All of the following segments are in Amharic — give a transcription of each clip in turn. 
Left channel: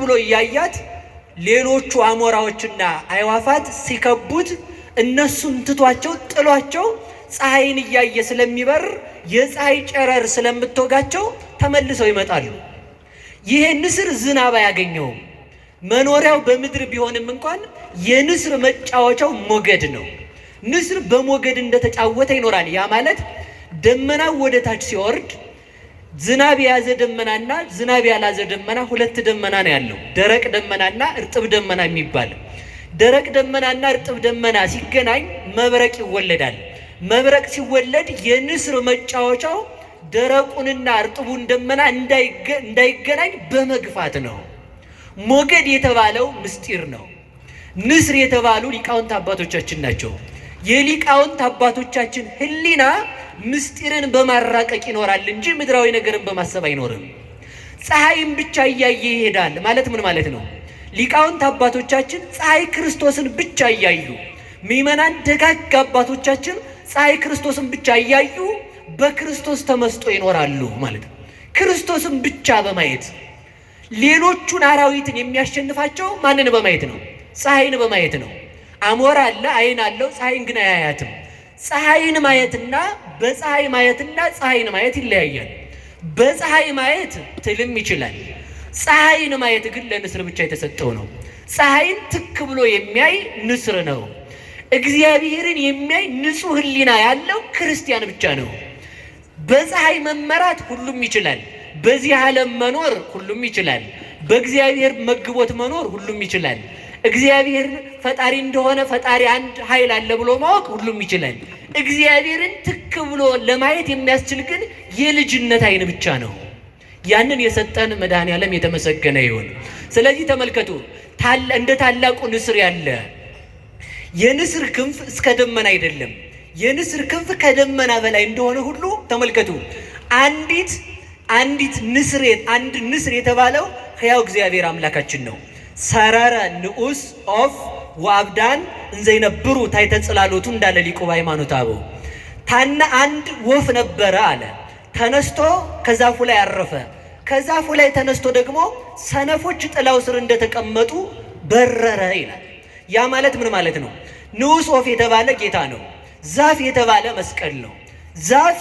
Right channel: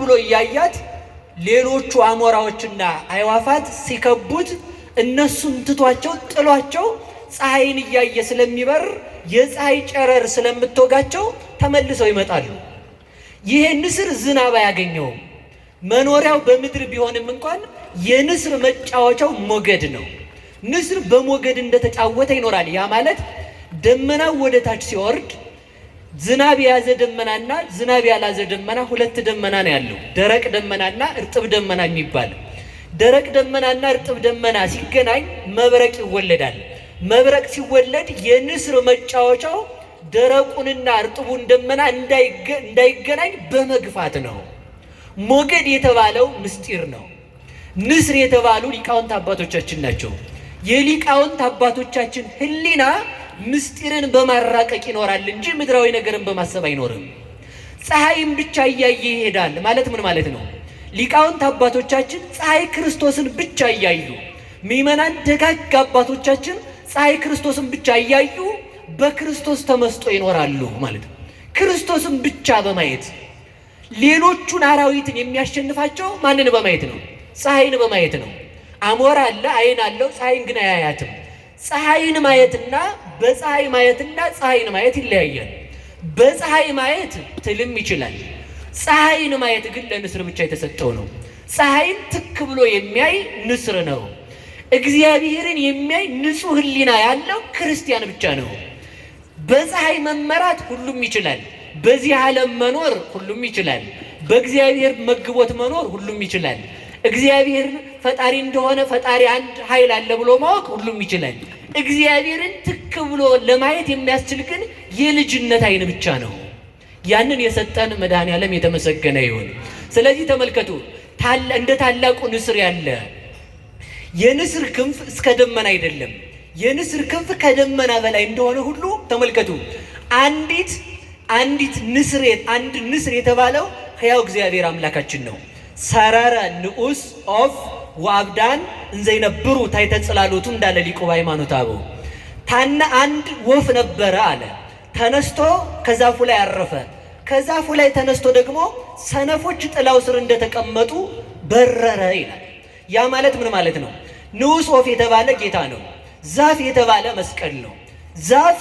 ብሎ እያያት ሌሎቹ አሞራዎችና አዕዋፋት ሲከቡት እነሱን ትቷቸው ጥሏቸው ፀሐይን እያየ ስለሚበር የፀሐይ ጨረር ስለምትወጋቸው ተመልሰው ይመጣሉ። ይሄ ንስር ዝናብ አያገኘውም። መኖሪያው በምድር ቢሆንም እንኳን የንስር መጫወቻው ሞገድ ነው። ንስር በሞገድ እንደተጫወተ ይኖራል። ያ ማለት ደመናው ወደ ታች ሲወርድ ዝናብ የያዘ ደመናና ዝናብ ያላዘ ደመና ሁለት ደመና ነው ያለው። ደረቅ ደመናና እርጥብ ደመና የሚባል። ደረቅ ደመናና እርጥብ ደመና ሲገናኝ መብረቅ ይወለዳል። መብረቅ ሲወለድ የንስር መጫወቻው ደረቁንና እርጥቡን ደመና እንዳይገናኝ በመግፋት ነው። ሞገድ የተባለው ምስጢር ነው። ንስር የተባሉ ሊቃውንት አባቶቻችን ናቸው። የሊቃውንት አባቶቻችን ሕሊና ምስጢርን በማራቀቅ ይኖራል እንጂ ምድራዊ ነገርን በማሰብ አይኖርም። ፀሐይን ብቻ እያየ ይሄዳል ማለት ምን ማለት ነው? ሊቃውንት አባቶቻችን ፀሐይ ክርስቶስን ብቻ እያዩ፣ ምእመናን ደጋግ አባቶቻችን ፀሐይ ክርስቶስን ብቻ እያዩ በክርስቶስ ተመስጦ ይኖራሉ ማለት ነው። ክርስቶስን ብቻ በማየት ሌሎቹን አራዊትን የሚያሸንፋቸው ማንን በማየት ነው? ፀሐይን በማየት ነው። አሞራ አለ፣ አይን አለው፣ ፀሐይን ግን አያያትም። ፀሐይን ማየትና በፀሐይ ማየትና ፀሐይን ማየት ይለያያል። በፀሐይ ማየት ትልም ይችላል። ፀሐይን ማየት ግን ለንስር ብቻ የተሰጠው ነው። ፀሐይን ትክ ብሎ የሚያይ ንስር ነው። እግዚአብሔርን የሚያይ ንጹሕ ሕሊና ያለው ክርስቲያን ብቻ ነው። በፀሐይ መመራት ሁሉም ይችላል። በዚህ ዓለም መኖር ሁሉም ይችላል። በእግዚአብሔር መግቦት መኖር ሁሉም ይችላል። እግዚአብሔር ፈጣሪ እንደሆነ ፈጣሪ አንድ ኃይል አለ ብሎ ማወቅ ሁሉም ይችላል። እግዚአብሔርን ትክ ብሎ ለማየት የሚያስችል ግን የልጅነት ዓይን ብቻ ነው። ያንን የሰጠን መድኃኔዓለም የተመሰገነ ይሁን። ስለዚህ ተመልከቱ፣ እንደ ታላቁ ንስር ያለ የንስር ክንፍ እስከ ደመና አይደለም፣ የንስር ክንፍ ከደመና በላይ እንደሆነ ሁሉ ተመልከቱ። አንድ ንስር የተባለው ሕያው እግዚአብሔር አምላካችን ነው። ሰረረ ንዑስ ኦፍ ወአብዳን እንዘይነብሩ ታሕተ ጽላሎቱ እንዳለ ሊቁ በሃይማኖተ አበው። አንድ ወፍ ነበረ አለ፣ ተነስቶ ከዛፉ ላይ አረፈ። ከዛፉ ላይ ተነስቶ ደግሞ ሰነፎች ጥላው ስር እንደተቀመጡ በረረ ይላል። ያ ማለት ምን ማለት ነው? ንዑስ ወፍ የተባለ ጌታ ነው። ዛፍ የተባለ መስቀል ነው። ዛፍ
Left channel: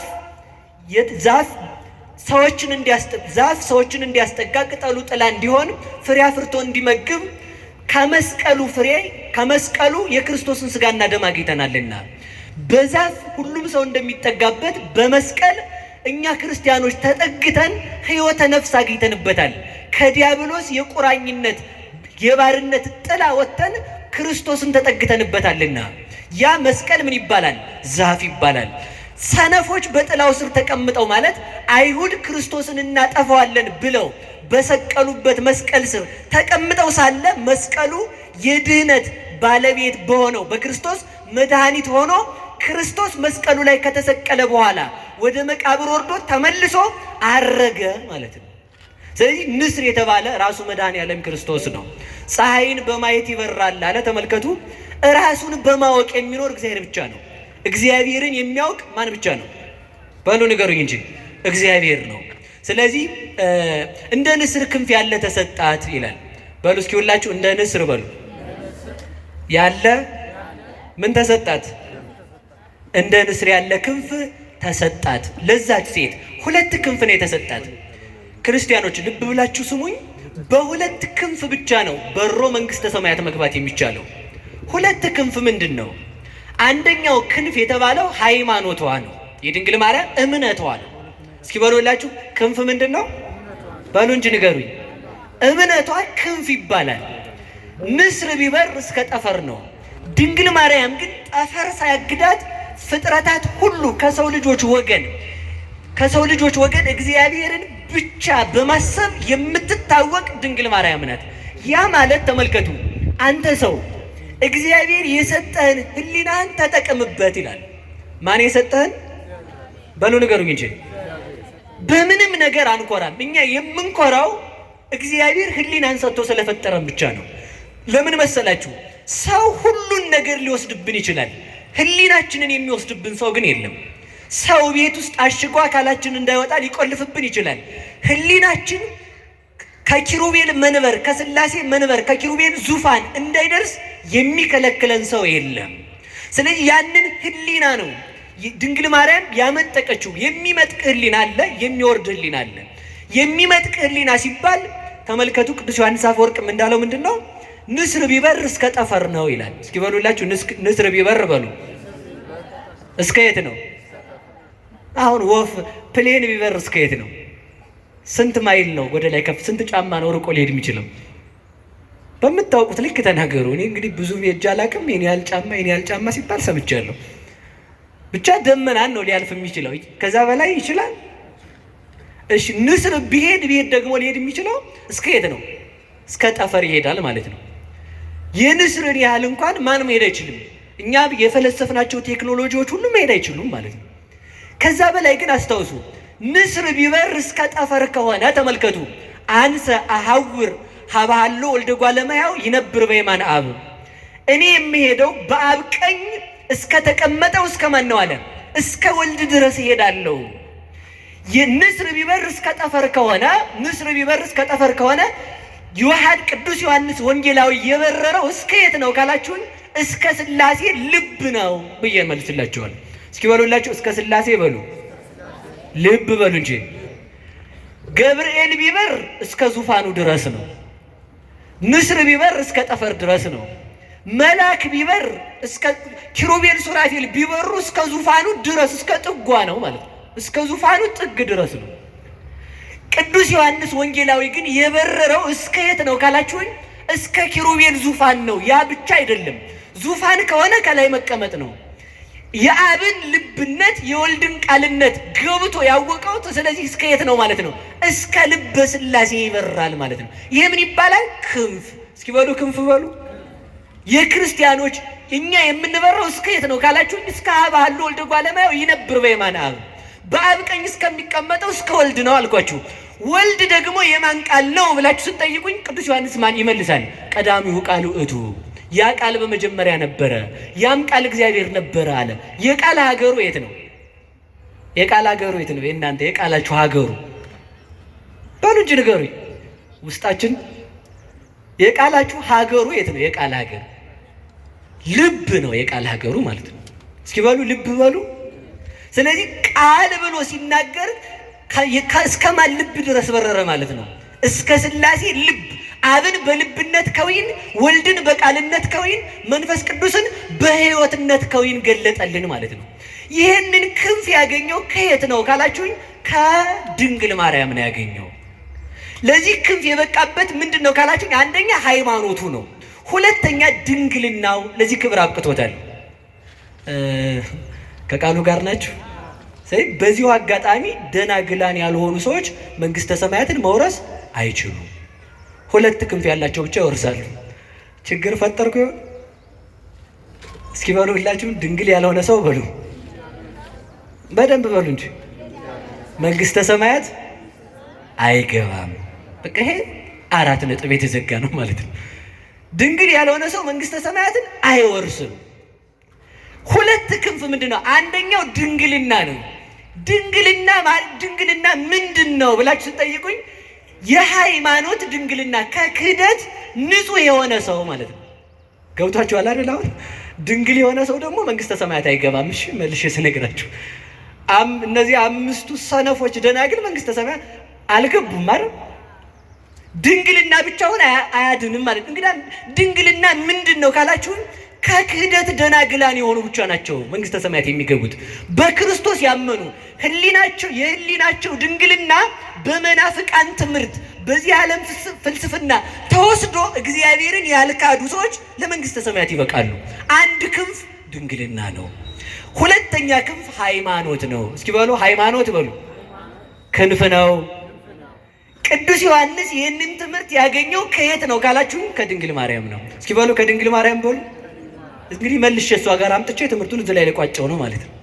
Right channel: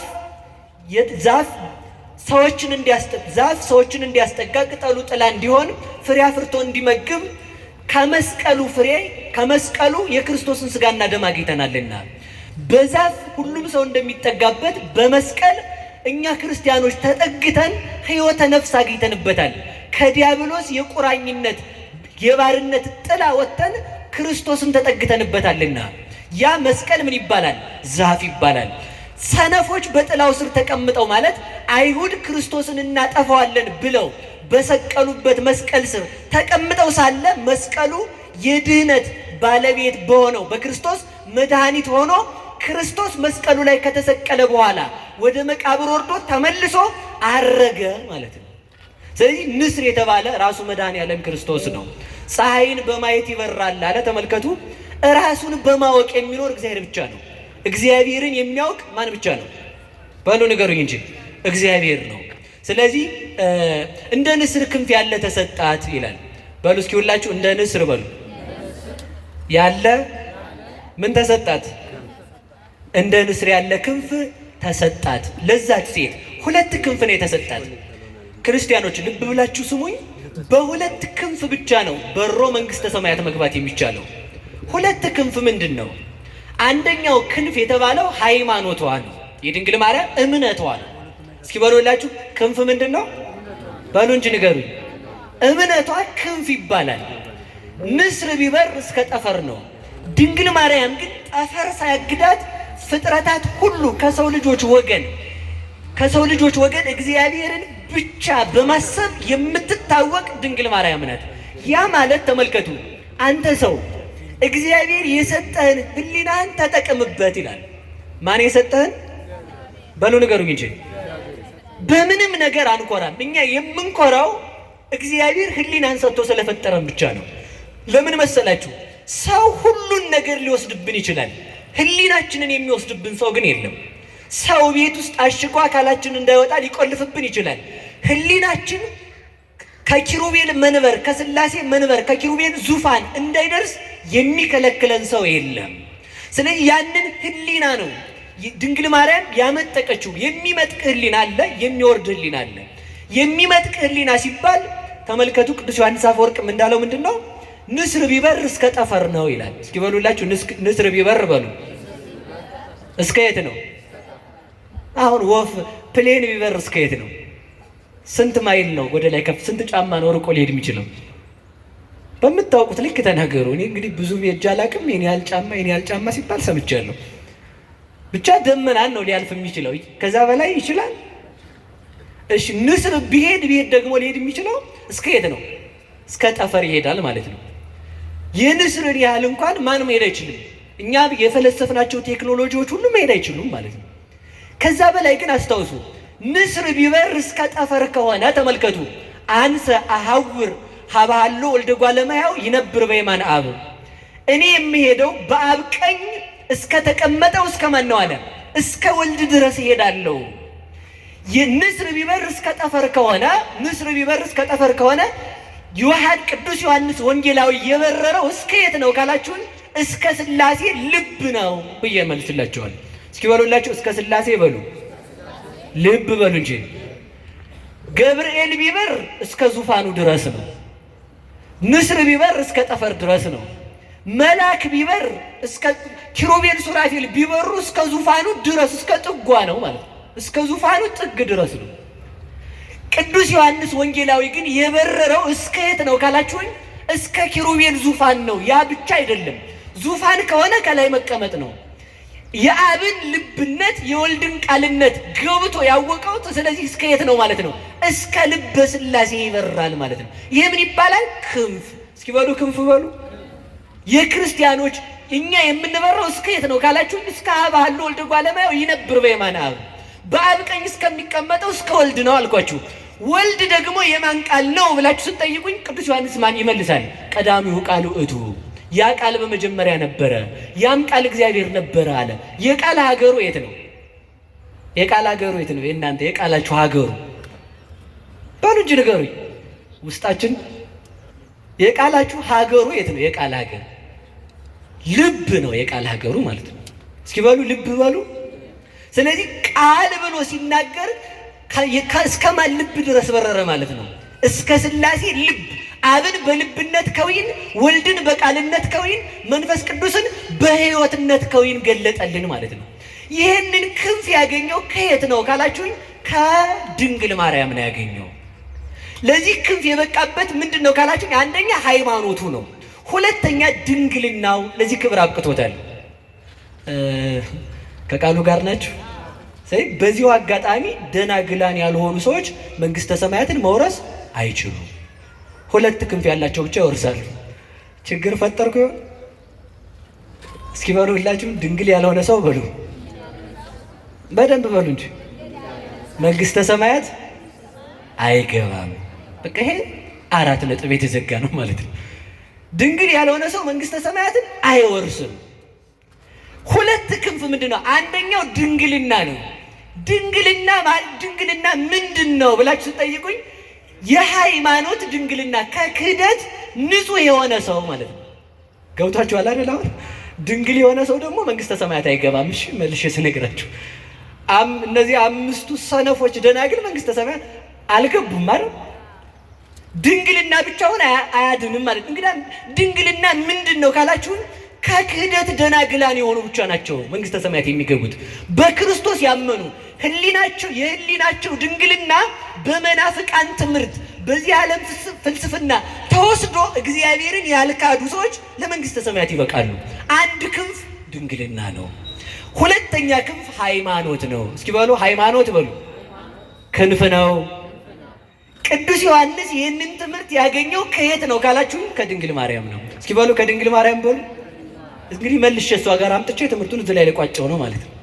ሰዎችን እንዲያስጠጋ ቅጠሉ ጥላ እንዲሆን ፍሬ አፍርቶ እንዲመግብ ከመስቀሉ የክርስቶስን ሥጋና ደም አግኝተናልና በዛፍ ሁሉም ሰው እንደሚጠጋበት በመስቀል እኛ ክርስቲያኖች ተጠግተን ሕይወተ ነፍስ አግኝተንበታል። ከዲያብሎስ የቁራኝነት የባርነት ጥላ ወጥተን ክርስቶስን ተጠግተንበታልና ያ መስቀል ምን ይባላል? ዛፍ ይባላል። ሰነፎች በጥላው ስር ተቀምጠው ማለት አይሁድ ክርስቶስን እናጠፋዋለን ብለው በሰቀሉበት መስቀል ስር ተቀምጠው ሳለ መስቀሉ የድህነት ባለቤት በሆነው በክርስቶስ መድኃኒት ሆኖ ክርስቶስ መስቀሉ ላይ ከተሰቀለ በኋላ ወደ መቃብር ወርዶ ተመልሶ አረገ ማለት ነው። ስለዚህ ንስር የተባለ ራሱ መድኃኔዓለም ክርስቶስ ነው። ፀሐይን በማየት ይበራል አለ። ተመልከቱ፣ ራሱን በማወቅ የሚኖር እግዚአብሔር ብቻ ነው። እግዚአብሔርን የሚያውቅ ማን ብቻ ነው? በሉ ንገሩኝ እንጂ እግዚአብሔር ነው። ስለዚህ እንደ ንስር ክንፍ ያለ ተሰጣት ይላል። በሉ እስኪ ሁላችሁ እንደ ንስር በሉ ያለ ምን ተሰጣት? እንደ ንስር ያለ ክንፍ ተሰጣት። ለዛች ሴት ሁለት ክንፍ ነው የተሰጣት። ክርስቲያኖች ልብ ብላችሁ ስሙኝ። በሁለት ክንፍ ብቻ ነው በሮ መንግስተ ሰማያት መግባት የሚቻለው። ሁለት ክንፍ ምንድን ነው? አንደኛው ክንፍ የተባለው ሃይማኖቷ ነው፣ የድንግል ማርያም እምነቷ ነው። እስኪ በሉላችሁ ክንፍ ምንድን ነው? በሉ እንጂ ንገሩኝ። እምነቷ ክንፍ ይባላል። ንስር ቢበር እስከ ጠፈር ነው። ድንግል ማርያም ግን ጠፈር ሳያግዳት ፍጥረታት ሁሉ ከሰው ልጆች ወገን እግዚአብሔርን ብቻ በማሰብ የምትታወቅ ድንግል ማርያም ናት። ያ ማለት ተመልከቱ፣ አንተ ሰው እግዚአብሔር የሰጠህን ሕሊናህን ተጠቅምበት ይላል። ማን የሰጠህን? በሉ ንገሩኝ እንጂ። በምንም ነገር አንኮራም። እኛ የምንኮራው እግዚአብሔር ሕሊናን ሰጥቶ ስለፈጠረን ብቻ ነው። ለምን መሰላችሁ? ሰው ሁሉን ነገር ሊወስድብን ይችላል። ሕሊናችንን የሚወስድብን ሰው ግን የለም። ሰው ቤት ውስጥ አሽጎ አካላችን እንዳይወጣ ሊቆልፍብን ይችላል። ሕሊናችን ከኪሩቤል መንበር ከሥላሴ መንበር ከኪሩቤል ዙፋን እንዳይደርስ የሚከለክለን ሰው የለም። ስለዚህ ያንን ህሊና ነው ድንግል ማርያም ያመጠቀችው። የሚመጥቅ ህሊና አለ፣ የሚወርድ ህሊና አለ። የሚመጥቅ ህሊና ሲባል ተመልከቱ፣ ቅዱስ ዮሐንስ አፈወርቅም እንዳለው ምንድን ነው? ንስር ቢበር እስከ ጠፈር ነው ይላል። እስኪ በሉላችሁ፣ ንስር ቢበር በሉ። እስከ የት ነው? አሁን ወፍ ፕሌን ቢበር እስከ የት ነው? ስንት ማይል ነው ወደ ላይ ከፍ? ስንት ጫማ ነው ርቆ ሊሄድ የሚችለው? በምታውቁት ልክ ተናገሩ። እኔ እንግዲህ ብዙ ሄጄ አላውቅም። የኔ ያህል ጫማ ሲባል ሰምቻለሁ። ብቻ ደመናን ነው ሊያልፍ የሚችለው። ከዛ በላይ ይችላል? እሺ፣ ንስር ቢሄድ ደግሞ ሊሄድ የሚችለው እስከ የት ነው? እስከ ጠፈር ይሄዳል ማለት ነው። የንስርን ያህል እንኳን ማን መሄድ አይችልም። እኛ የፈለሰፍናቸው ቴክኖሎጂዎች ሁሉ መሄድ አይችሉም ማለት ነው። ከዛ በላይ ግን አስታውሱ፣ ንስር ቢበር እስከ ጠፈር ከሆነ ተመልከቱ፣ አንሰ አሐውር ሀባሎ ወልደ እጓለ እመሕያው ይነብር በየማነ አብ፣ እኔ የሚሄደው በአብ ቀኝ እስከ ተቀመጠው እስከ ማን ነው አለ? እስከ ወልድ ድረስ እሄዳለሁ። ንስር ቢበር እስከ ጠፈር ከሆነ ዮሐን ቅዱስ ዮሐንስ ወንጌላዊ የበረረው እስከ የት ነው ካላችሁን፣ እስከ ሥላሴ ልብ ነው ብዬ መልስላችኋል። እስኪ በሉላችሁ፣ እስከ ሥላሴ በሉ፣ ልብ በሉ እንጂ። ገብርኤል ቢበር እስከ ዙፋኑ ድረስ ነው። ንስር ቢበር እስከ ጠፈር ድረስ ነው። መልአክ ቢበር እስከ ኪሩቤል ሱራፌል ቢበሩ እስከ ዙፋኑ ድረስ እስከ ጥጓ ነው ማለት ነው። እስከ ዙፋኑ ጥግ ድረስ ነው። ቅዱስ ዮሐንስ ወንጌላዊ ግን የበረረው እስከ የት ነው ካላችሁኝ፣ እስከ ኪሩቤል ዙፋን ነው። ያ ብቻ አይደለም፣ ዙፋን ከሆነ ከላይ መቀመጥ ነው። የአብን ልብነት የወልድን ቃልነት ገብቶ ያወቀው። ስለዚህ እስከ የት ነው ማለት ነው? እስከ ልበ ሥላሴ ይበራል ማለት ነው። ይሄ ምን ይባላል? ክንፍ። እስኪ በሉ ክንፍ በሉ። የክርስቲያኖች እኛ የምንበረው እስከ የት ነው ካላችሁኝ፣ እስከ ሀባሎ ወልደ እጓለ እመሕያው ይነብር በየማነ አብ፣ በአብ ቀኝ እስከሚቀመጠው እስከ ወልድ ነው አልኳችሁ። ወልድ ደግሞ የማን ቃል ነው ብላችሁ ስትጠይቁኝ ቅዱስ ዮሐንስ ማን ይመልሳል? ቀዳሚሁ ቃል ውእቱ፣ ያ ቃል በመጀመሪያ ነበረ፣ ያም ቃል እግዚአብሔር ነበረ አለ። የቃል ሀገሩ የት ነው? የቃል ሀገሩ የት ነው? የእናንተ የቃላችሁ ሀገሩ በሉ እንጂ ንገሩኝ። ውስጣችን የቃላችሁ ሀገሩ የት ነው? የቃል ሀገር ልብ ነው። የቃል ሀገሩ ማለት ነው። እስኪ በሉ ልብ በሉ። ስለዚህ ቃል ብሎ ሲናገር እስከ ማን ልብ ድረስ በረረ ማለት ነው? እስከ ሥላሴ ልብ። አብን በልብነት ከዊን፣ ወልድን በቃልነት ከዊን፣ መንፈስ ቅዱስን በሕይወትነት ከዊን ገለጠልን ማለት ነው። ይህንን ክንፍ ያገኘው ከየት ነው ካላችሁኝ፣ ከድንግል ማርያም ነው ያገኘው። ለዚህ ክንፍ የበቃበት ምንድን ነው ካላችሁኝ፣ አንደኛ ሃይማኖቱ ነው፣ ሁለተኛ ድንግልናው ለዚህ ክብር አብቅቶታል። ከቃሉ ጋር ናችሁ? በዚሁ አጋጣሚ ደናግላን ያልሆኑ ሰዎች መንግስተ ሰማያትን መውረስ አይችሉም። ሁለት ክንፍ ያላቸው ብቻ ይወርሳሉ። ችግር ፈጠርኩ? እስኪ በሉ ሁላችሁም ድንግል ያልሆነ ሰው በሉ፣ በደንብ በሉ እንጂ መንግስተ ሰማያት አይገባም። በቃ ይሄ 4 ነጥብ የተዘጋ ነው ማለት ነው። ድንግል ያልሆነ ሰው መንግስተ ሰማያትን አይወርስም። ሁለት ክንፍ ምንድን ነው? አንደኛው ድንግልና ነው። ድንግልና ምንድን ነው ብላችሁ ስጠይቁኝ፣ የሃይማኖት ድንግልና ከክህደት ንጹህ የሆነ ሰው ማለት ነው። ገብቷችኋል አይደል? አሁን ድንግል የሆነ ሰው ደግሞ መንግስተ ሰማያት አይገባም። እሺ መልሼ ስነግራችሁ፣ እነዚህ 5ቱ ሰነፎች ደናግል መንግስተ ሰማያት አልገቡም ማለት ድንግልና ብቻውን አያድንም ማለት። እንግዲህ ድንግልና ምንድን ነው ካላችሁን፣ ከክህደት ደናግላን የሆኑ ብቻ ናቸው መንግስተ ሰማያት የሚገቡት። በክርስቶስ ያመኑ የህሊናቸው ድንግልና በመናፍቃን ትምህርት በዚህ ዓለም ፍልስፍና ተወስዶ እግዚአብሔርን ያልካዱ ሰዎች ለመንግስተ ሰማያት ይበቃሉ። አንድ ክንፍ ድንግልና ነው። ሁለተኛ ክንፍ ሃይማኖት ነው። እስኪ በሉ ሃይማኖት በሉ። ክንፍ ነው። ቅዱስ ዮሐንስ ይህንን ትምህርት ያገኘው ከየት ነው ካላችሁ፣ ከድንግል ማርያም ነው። እስኪ በሉ ከድንግል ማርያም በሉ። እንግዲህ መልሼ እሷ ጋር አምጥቼ ትምህርቱን እዚህ ላይ ለቋጨው ነው ማለት ነው።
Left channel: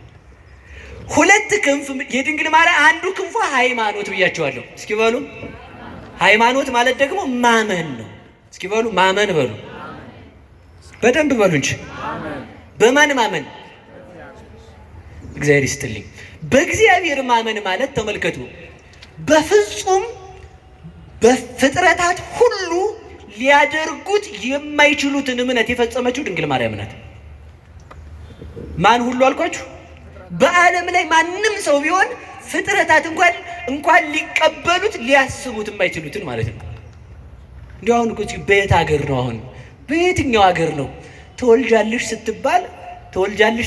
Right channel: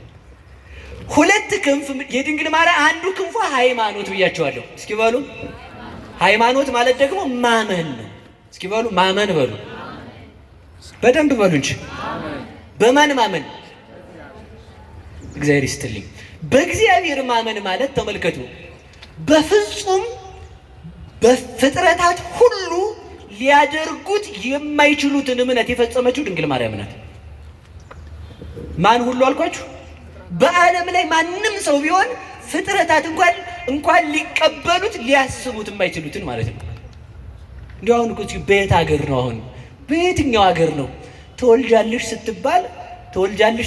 ሁለት ክንፍ የድንግል ማርያም፣ አንዱ ክንፏ ሃይማኖት ብያቸዋለሁ። እስኪ በሉ ሃይማኖት ማለት ደግሞ ማመን ነው። እስኪ በሉ ማመን በሉ፣ በደንብ በሉ እንጂ በማን ማመን? እግዚአብሔር ይስጥልኝ። በእግዚአብሔር ማመን ማለት ተመልከቱ፣ በፍጹም በፍጥረታት ሁሉ ሊያደርጉት የማይችሉትን እምነት የፈጸመችው ድንግል ማርያም ናት። ማን ሁሉ አልኳችሁ? በዓለም ላይ ማንም ሰው ቢሆን ፍጥረታት እንኳን ሊቀበሉት ሊያስቡት የማይችሉትን ማለት ነው። እንዲሁ አሁን እኮ በየት ሀገር ነው? አሁን በየትኛው ሀገር ነው ትወልጃለሽ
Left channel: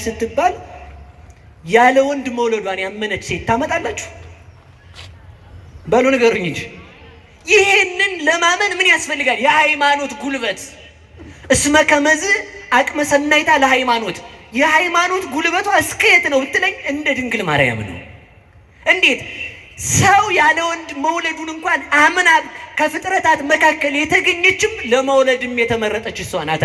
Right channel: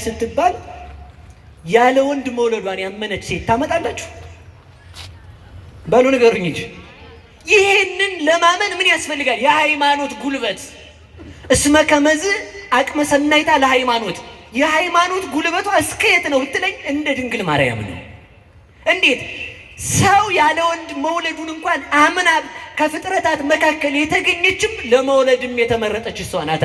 ስትባል ያለ ወንድ መውለዷን ያመነች ሴት ታመጣላችሁ? በሉ ንገሩኝ እንጂ። ይሄንን ለማመን ምን ያስፈልጋል? የሃይማኖት ጉልበት። እስመ ከመዝ አቅመ ሰናይታ ለሃይማኖት። የሃይማኖት ጉልበቷ እስከ የት ነው ብትለኝ እንደ ድንግል ማርያም ነው። እንዴት ሰው ያለ ወንድ መውለዱን እንኳን አምና ከፍጥረታት መካከል የተገኘችም ለመውለድም የተመረጠች እሷ ናት።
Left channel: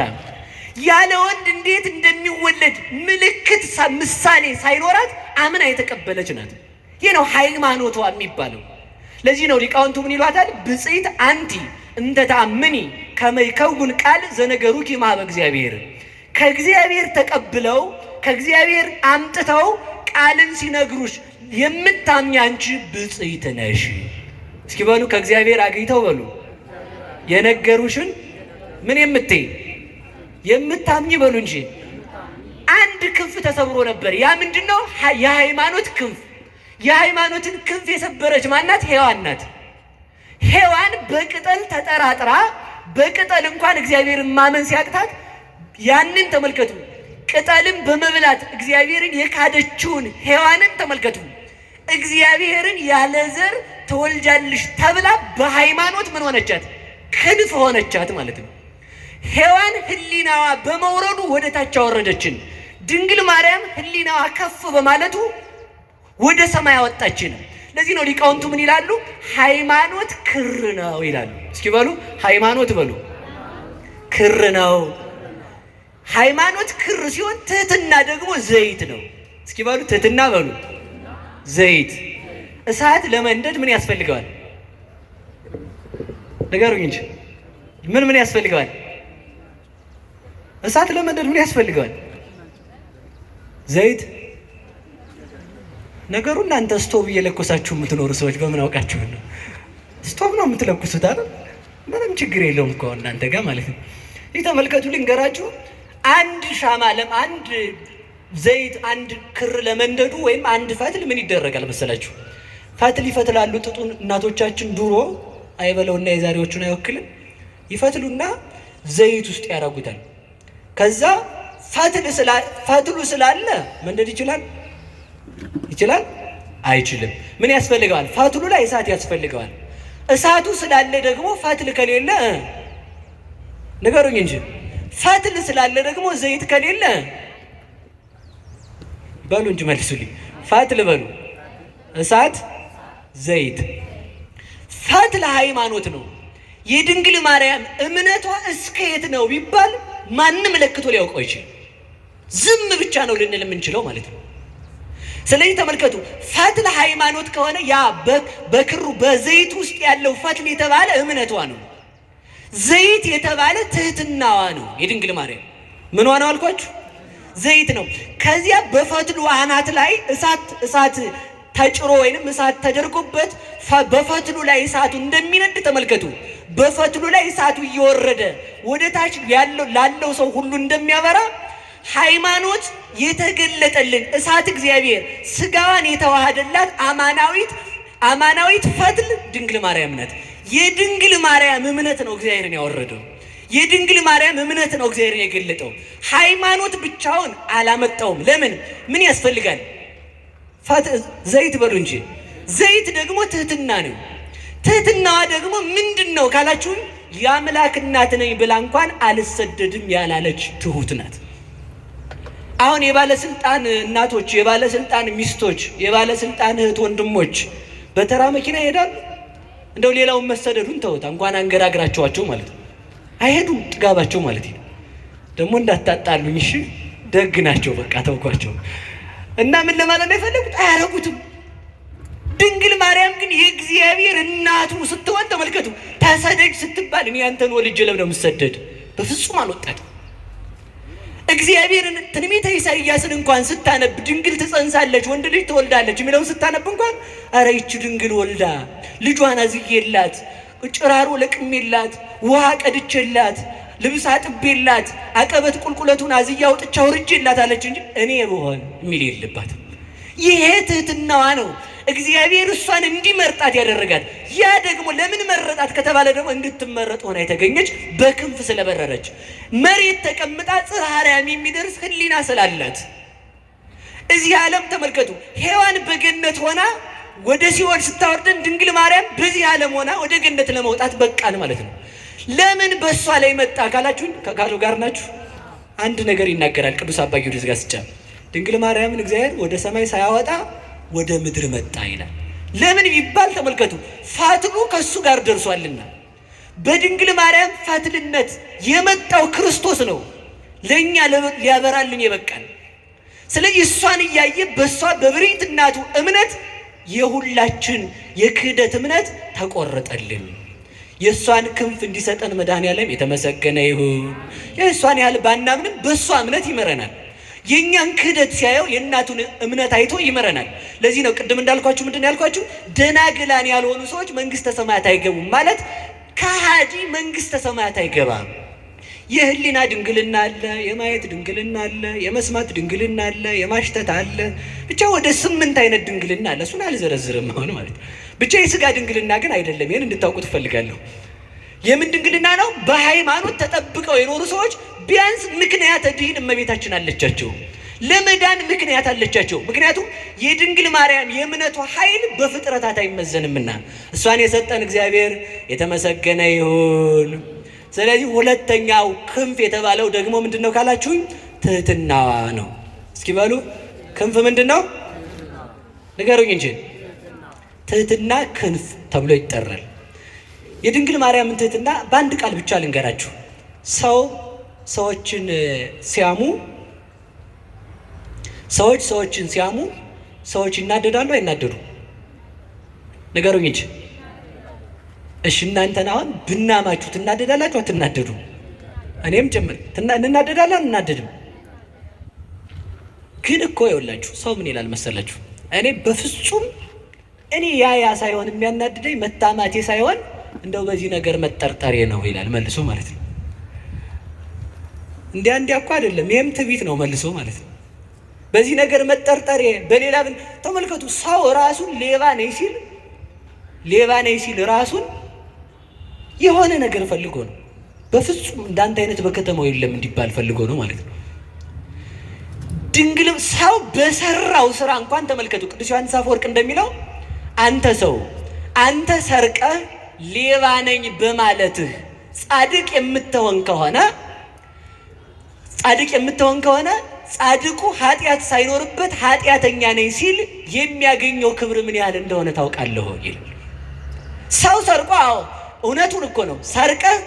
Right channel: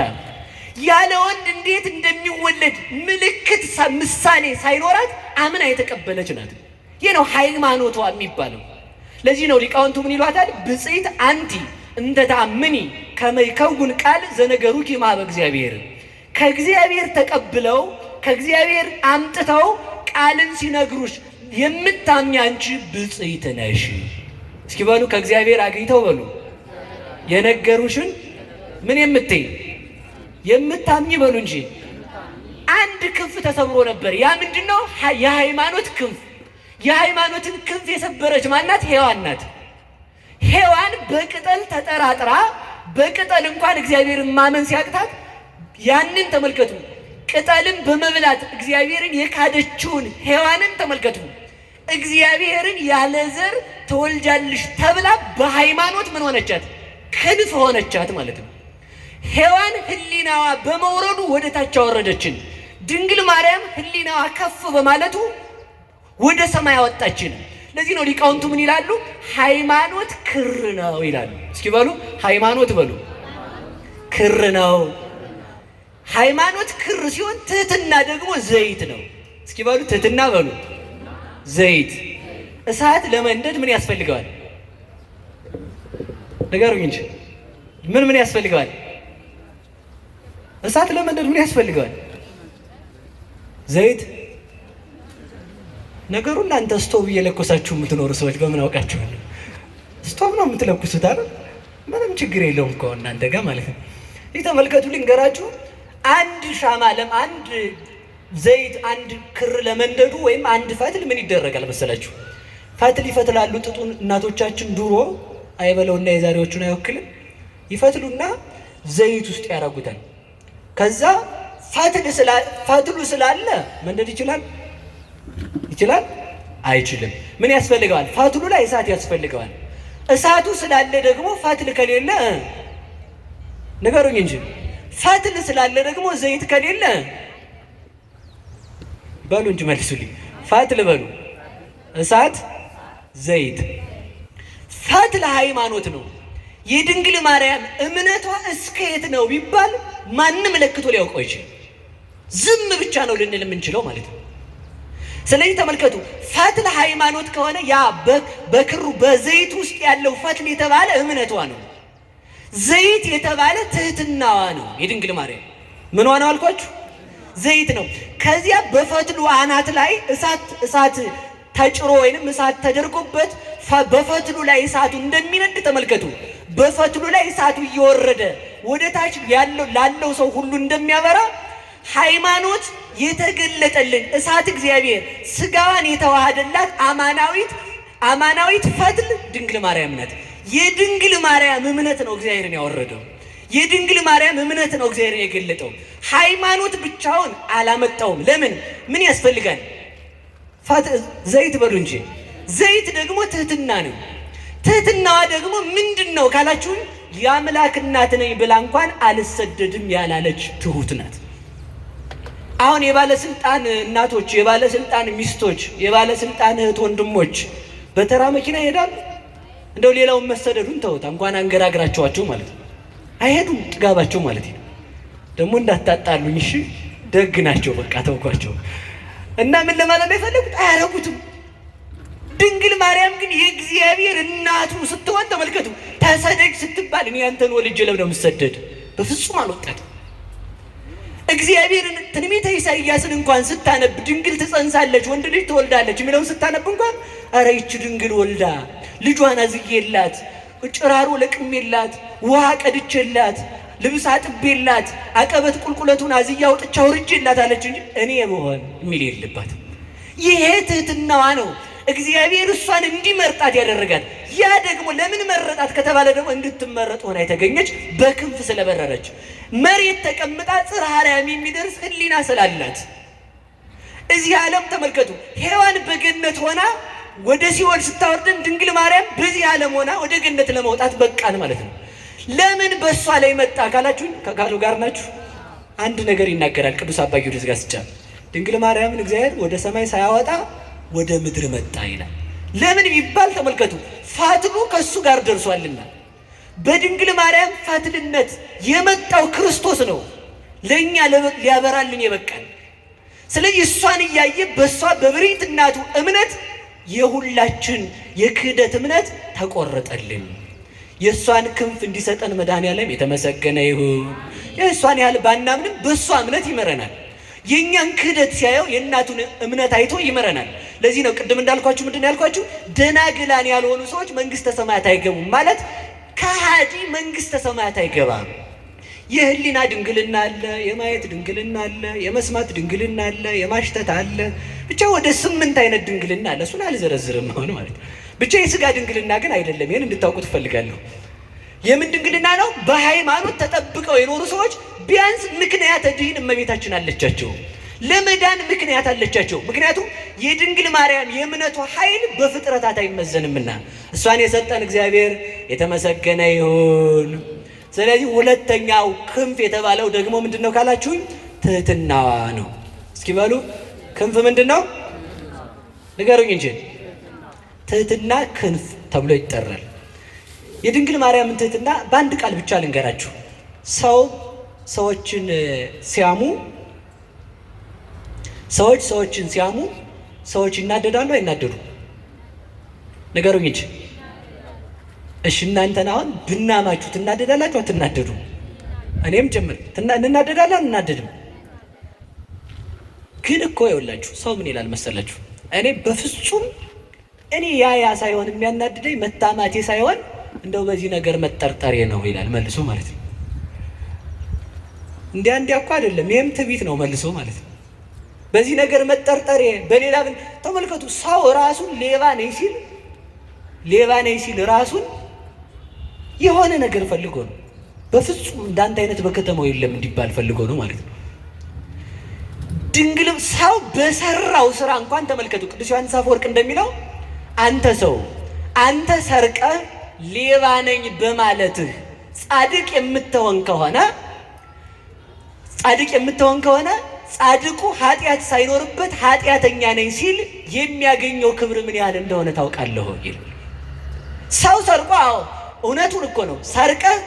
ያለ ወንድ እንዴት እንደሚወለድ ምልክት ምሳሌ ሳይኖራት አምና የተቀበለች ናት። ይህ ነው ሃይማኖቷ የሚባለው። ለዚህ ነው ሊቃውንቱ ምን ይሏታል? ብፅዕት አንቲ እንተ ተአምኒ ከመ ይከውን ቃል ዘነገሩኪ እምኀበ እግዚአብሔር። ከእግዚአብሔር ተቀብለው ከእግዚአብሔር አምጥተው ቃልን ሲነግሩሽ የምታምኚ አንቺ ብፅዕት ነሽ። እስኪ በሉ ከእግዚአብሔር አግኝተው በሉ የነገሩሽን ምን የምታምኚ በሉ እንጂ። አንድ ክንፍ ተሰብሮ ነበር። ያ ምንድነው? የሃይማኖት ክንፍ። የሃይማኖትን ክንፍ የሰበረች ማናት? ሔዋን ናት። ሔዋን በቅጠል ተጠራጥራ በቅጠል እንኳን እግዚአብሔርን ማመን ሲያቅታት ያንን ተመልከቱ። ቅጠልን በመብላት እግዚአብሔርን የካደችውን ሔዋንን ተመልከቱ። እግዚአብሔርን ያለ ዘር ትወልጃለሽ ተብላ በሃይማኖት ምን ሆነቻት? ክንፍ ሆነቻት ማለት ነው። ሔዋን ህሊናዋ በመውረዱ ወደ ታች አወረደችን። ድንግል ማርያም ህሊናዋ ከፍ በማለቱ ወደ ሰማይ አወጣችን። ለዚህ ነው ሊቃውንቱ ምን ይላሉ? ሃይማኖት ክር ነው ይላሉ። እስኪ በሉ ሃይማኖት በሉ ክር ነው። ሃይማኖት ክር ሲሆን ትህትና ደግሞ ዘይት ነው። እስኪ በሉ ትህትና በሉ ዘይት። እሳት ለመንደድ ምን ያስፈልገዋል? ንገሩኝ እንጂ ምን ያስፈልገዋል? እሳት ለመንደድ ምን ያስፈልገዋል? ዘይት። ነገሩ እናንተ ስቶቭ እየለኮሳችሁ የምትኖሩ ሰዎች በምን አውቃችሁ ነው? ስቶቭ ነው የምትለኩሱት አይደል? ምንም ችግር የለውም እኮ እናንተ ጋር ማለት ነው። ይህ ተመልከቱ፣ ልንገራችሁ። አንድ ሻማ አንድ ዘይት አንድ ክር ለመንደዱ ወይም አንድ ፈትል ምን ይደረጋል መሰላችሁ? ፈትል ይፈትላሉ። ጥጡን እናቶቻችን ድሮ አይበለውና የዛሬዎቹን አይወክልም። ይፈትሉና ዘይት ውስጥ ያደርጉታል። ከዛ ፈትሉ ስላለ መንደድ ይችላል? አይችልም። ምን ያስፈልገዋል? ፈትሉ ላይ እሳት ያስፈልገዋል። እሳቱ ስላለ ደግሞ ፈትል ከሌለ ንገሩኝ እንጂ ፈትል ስላለ ደግሞ ዘይት ከሌለ በሉ እንጂ መልሱልኝ። ፈትል በሉ እሳት ዘይት። ፈትል ሃይማኖት ነው። የድንግል ማርያም እምነቷ እስከ የት ነው ቢባል ማንም ለክቶ ሊያውቀው ይችላል። ዝም ብቻ ነው ልንል የምንችለው ማለት ነው። ስለዚህ ተመልከቱ፣ ፈትል ሃይማኖት ከሆነ ያ በክሩ በዘይት ውስጥ ያለው ፈትል የተባለ እምነቷ ነው። ዘይት የተባለ ትህትናዋ ነው። የድንግል ማርያም ምኗ ነው አልኳችሁ? ዘይት ነው። ከዚያ በፈትሉ አናት ላይ እሳት ተጭሮ ወይንም እሳት ተደርጎበት በፈትሉ ላይ እሳቱ እንደሚነድ ተመልከቱ። በፈትሉ ላይ እሳቱ እየወረደ ወደ ታች ላለው ሰው ሁሉ እንደሚያበራ ሃይማኖት የተገለጠልን እሳት እግዚአብሔር ስጋዋን የተዋሃደላት አማናዊት ፈትል ድንግል ማርያም ናት። የድንግል ማርያም እምነት ነው እግዚአብሔርን ያወረደው። የድንግል ማርያም እምነት ነው እግዚአብሔርን የገለጠው። ሃይማኖት ብቻውን አላመጣውም። ለምን? ምን ያስፈልጋል? ዘይት በሉ እንጂ። ዘይት ደግሞ ትህትና ነው። ትህትናዋ ደግሞ ምንድን ነው ካላችሁን፣ የአምላክ እናት ነኝ ብላ እንኳን አልሰደድም ያላለች ትሁት ናት። አሁን የባለስልጣን እናቶች፣ የባለስልጣን ሚስቶች፣ የባለስልጣን እህት ወንድሞች በተራ መኪና ይሄዳሉ። እንደው ሌላውን መሰደዱን ተውታ እንኳን አንገራግራቸዋቸው ማለት ነው። አይሄዱም፣ ጥጋባቸው ማለት ነው። ደግሞ እንዳታጣሉኝ እሺ፣ ደግ ናቸው፣ በቃ ተውኳቸው። እና ምን ለማለት ነው የፈለጉት? አያረጉትም። ድንግል ማርያም ግን የእግዚአብሔር እናቱ ስትሆን ተመልከቱ። ተሰደድ ስትባል እኔ አንተን ወልጄ ለምን ነው የምሰደድ? በፍጹም አልወጣትም። እግዚአብሔርን ትንቢተ ኢሳይያስን እንኳን ስታነብ ድንግል ትጸንሳለች ወንድ ልጅ ትወልዳለች የሚለውን ስታነብ እንኳን ኧረ ይቺ ድንግል ወልዳ ልጇን አዝዬላት ጭራሮ ለቅሜላት፣ ውሃ ቀድቼላት፣ ልብስ አጥቤላት፣ አቀበት ቁልቁለቱን አዝያ አውጥቻ አውርጄላት አለች እንጂ እኔ ብሆን የሚል የለባትም። ይሄ ትህትናዋ ነው እግዚአብሔር እሷን እንዲመርጣት ያደረጋት። ያ ደግሞ ለምን መረጣት ከተባለ ደግሞ እንድትመረጥ ሆና የተገኘች በክንፍ ስለበረረች፣ መሬት ተቀምጣ ጽርሐ አርያም የሚደርስ ሕሊና ስላላት። እዚህ ዓለም ተመልከቱ፣ ሔዋን በገነት ሆና ወደ ሲኦል ስታወርደን ድንግል ማርያም በዚህ ዓለም ሆና ወደ ገነት ለመውጣት በቃን ማለት ነው። ለምን በእሷ ላይ መጣ ካላችሁን፣ ከቃሉ ጋር ናችሁ። አንድ ነገር ይናገራል ቅዱስ አባ ጊዮርጊስ ዘጋስጫ። ድንግል ማርያምን እግዚአብሔር ወደ ሰማይ ሳያወጣ ወደ ምድር መጣ ይላል። ለምን ቢባል ተመልከቱ፣ ፋትሉ ከእሱ ጋር ደርሷልና። በድንግል ማርያም ፋትልነት የመጣው ክርስቶስ ነው ለእኛ ሊያበራልን የበቃን። ስለዚህ እሷን እያየ በእሷ በብርህት እናቱ እምነት የሁላችን የክህደት እምነት ተቆረጠልን። የእሷን ክንፍ እንዲሰጠን መድኃኔዓለም የተመሰገነ ይሁን። የእሷን ያህል ባናምንም በእሷ እምነት ይመረናል። የእኛን ክህደት ሲያየው የእናቱን እምነት አይቶ ይመረናል። ለዚህ ነው ቅድም እንዳልኳችሁ ምንድን ያልኳችሁ ደናግላን ያልሆኑ ሰዎች መንግሥተ ሰማያት አይገቡም ማለት ከሃዲ መንግሥተ ሰማያት አይገባም። የህሊና ድንግልና አለ፣ የማየት ድንግልና አለ፣ የመስማት ድንግልና አለ፣ የማሽተት አለ። ብቻ ወደ 8 አይነት ድንግልና አለ። እሱን አልዘረዝርም አሁን ማለት ብቻ የስጋ ድንግልና ግን አይደለም። ይህን እንድታውቁ ትፈልጋለሁ። የምን ድንግልና ነው? በሃይማኖት ተጠብቀው የኖሩ ሰዎች ቢያንስ ምክንያተ ድኅን እመቤታችን አለቻቸው፣ ለመዳን ምክንያት አለቻቸው። ምክንያቱም የድንግል ማርያም የእምነቱ ኃይል በፍጥረታት አይመዘንምና እሷን የሰጠን እግዚአብሔር የተመሰገነ ይሁን። ስለዚህ ሁለተኛው ክንፍ የተባለው ደግሞ ምንድን ነው ካላችሁኝ፣ ትህትናዋ ነው። እስኪ በሉ ክንፍ ምንድን ነው ንገሩኝ እንጂ። ትህትና ክንፍ ተብሎ ይጠራል። የድንግል ማርያምን ትህትና በአንድ ቃል ብቻ ልንገራችሁ። ሰዎችን ሲያሙ ሰዎች ይናደዳሉ አይናደዱ? ንገሩኝ እንጂ። እሺ እናንተን አሁን ብናማችሁ ትናደዳላችሁ አትናደዱ? እኔም ጭምር እንናደዳለን አንናደድም? ግን እኮ ይኸውላችሁ ሰው ምን ይላል መሰላችሁ? እኔ በፍጹም ያ ሳይሆን የሚያናድደኝ መታማቴ ሳይሆን እንደው በዚህ ነገር መጠርጠሬ ነው ይላል መልሶ ማለት ነው። እንዲያ እኮ አይደለም፣ ይሄም ትዕቢት ነው መልሶ ማለት ነው። በዚህ ነገር መጠርጠሬ በሌላ ተመልከቱ። ሰው ራሱን ሌባ ነኝ ሲል ራሱን የሆነ ነገር ፈልጎ ነው። በፍጹም እንዳንተ አይነት በከተማው የለም እንዲባል ፈልጎ ነው ማለት ነው። ድንግልም ሰው በሰራው ስራ እንኳን ተመልከቱ። ቅዱስ ዮሐንስ አፈወርቅ እንደሚለው አንተ ሰርቀህ ሌባ ነኝ በማለትህ ጻድቅ የምትሆን ከሆነ ጻድቁ ኃጢአት ሳይኖርበት ኃጢአተኛ ነኝ ሲል የሚያገኘው ክብር ምን ያህል እንደሆነ ታውቃለህ ይላል። ሰው ሰርቆ እውነቱን እኮ ነው። ሰርቀህ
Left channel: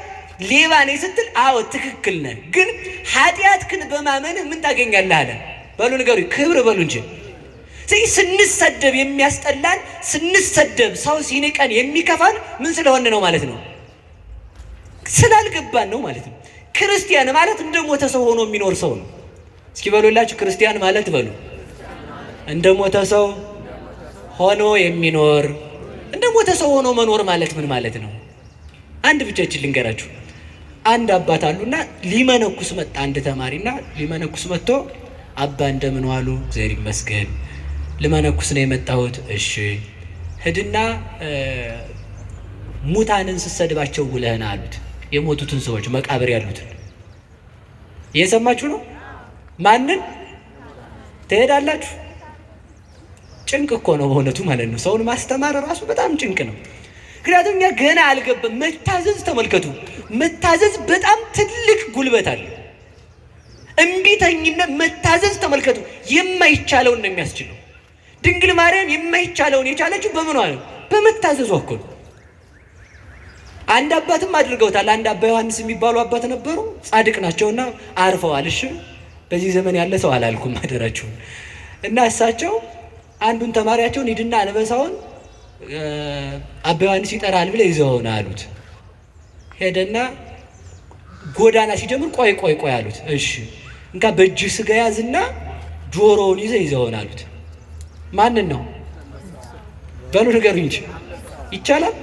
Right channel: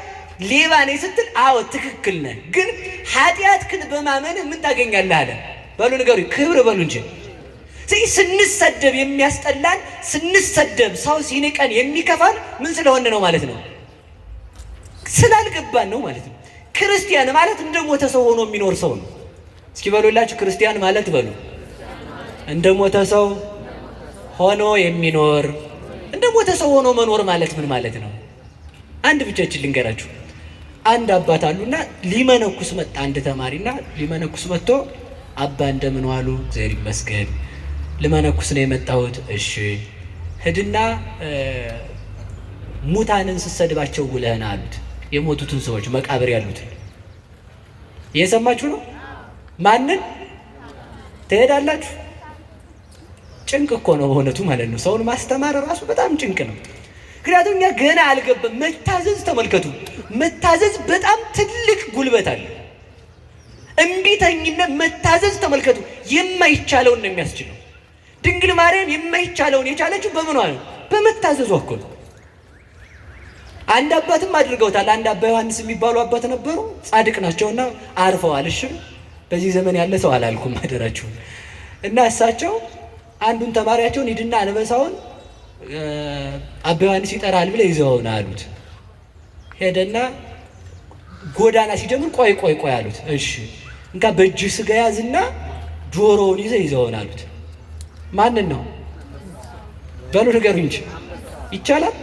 ሌባ ነኝ ስትል ትክክል ነህ፣ ግን ኃጢአትህን በማመንህ ምን ታገኛለህ አለ። በሉ ንገሩ፣ ክብር በሉ እንጂ። ስንሰደብ የሚያስጠላን፣ ስንሰደብ ሰው ሲንቀን የሚከፋን ምን ስለሆነ ነው ማለት ነው? ስላልገባን ነው ማለት ነው። ክርስቲያን ማለት እንደ ሞተ ሰው ሆኖ የሚኖር ሰው ነው። እስኪ በሉላችሁ፣ ክርስቲያን ማለት በሉ እንደ ሞተ ሰው ሆኖ የሚኖር። እንደ ሞተ ሰው ሆኖ መኖር ማለት ምን ማለት ነው? አንድ ብቻችን ልንገራችሁ። አንድ አባት አሉና ሊመነኩስ መጣ። አንድ ተማሪና ሊመነኩስ መጥቶ አባ እንደምን ዋሉ? እግዚአብሔር ይመስገን። ልመነኩስ ነው የመጣሁት። እሺ ሂድና ሙታንን ስትሰድባቸው ውለህና አሉት። የሞቱትን ሰዎች መቃብር ያሉትን እየሰማችሁ ነው። ማንን ትሄዳላችሁ? ጭንቅ እኮ ነው በእውነቱ ማለት ነው። ሰውን ማስተማር ራሱ በጣም ጭንቅ ነው። ምክንያቱም እኛ ገና አልገባም። መታዘዝ ተመልከቱ፣ መታዘዝ በጣም ትልቅ ጉልበት አለ። እምቢተኝነት መታዘዝ ተመልከቱ፣ የማይቻለውን ነው የሚያስችለው። ድንግል ማርያም የማይቻለውን የቻለችው በምኗ ነው? በመታዘዟ እኮ። አንድ አባትም አድርገውታል። አንድ አባ ዮሐንስ የሚባሉ አባት ነበሩ፣ ጻድቅ ናቸውና አርፈዋል። እሺ በዚህ ዘመን ያለ ሰው አላልኩም አደራችሁ። እና እሳቸው አንዱን ተማሪያቸውን ሂድና አንበሳውን አባ ዮሐንስ ይጠራል ብለው ይዘውና አሉት። ሄደና ጎዳና ሲጀምር ቆይ አሉት። እሺ እንካ በእጅ ስጋ ያዝና ጆሮውን ይዘውና አሉት። ማንን ነው በሉ ንገሩኝ እንጂ ይቻላል?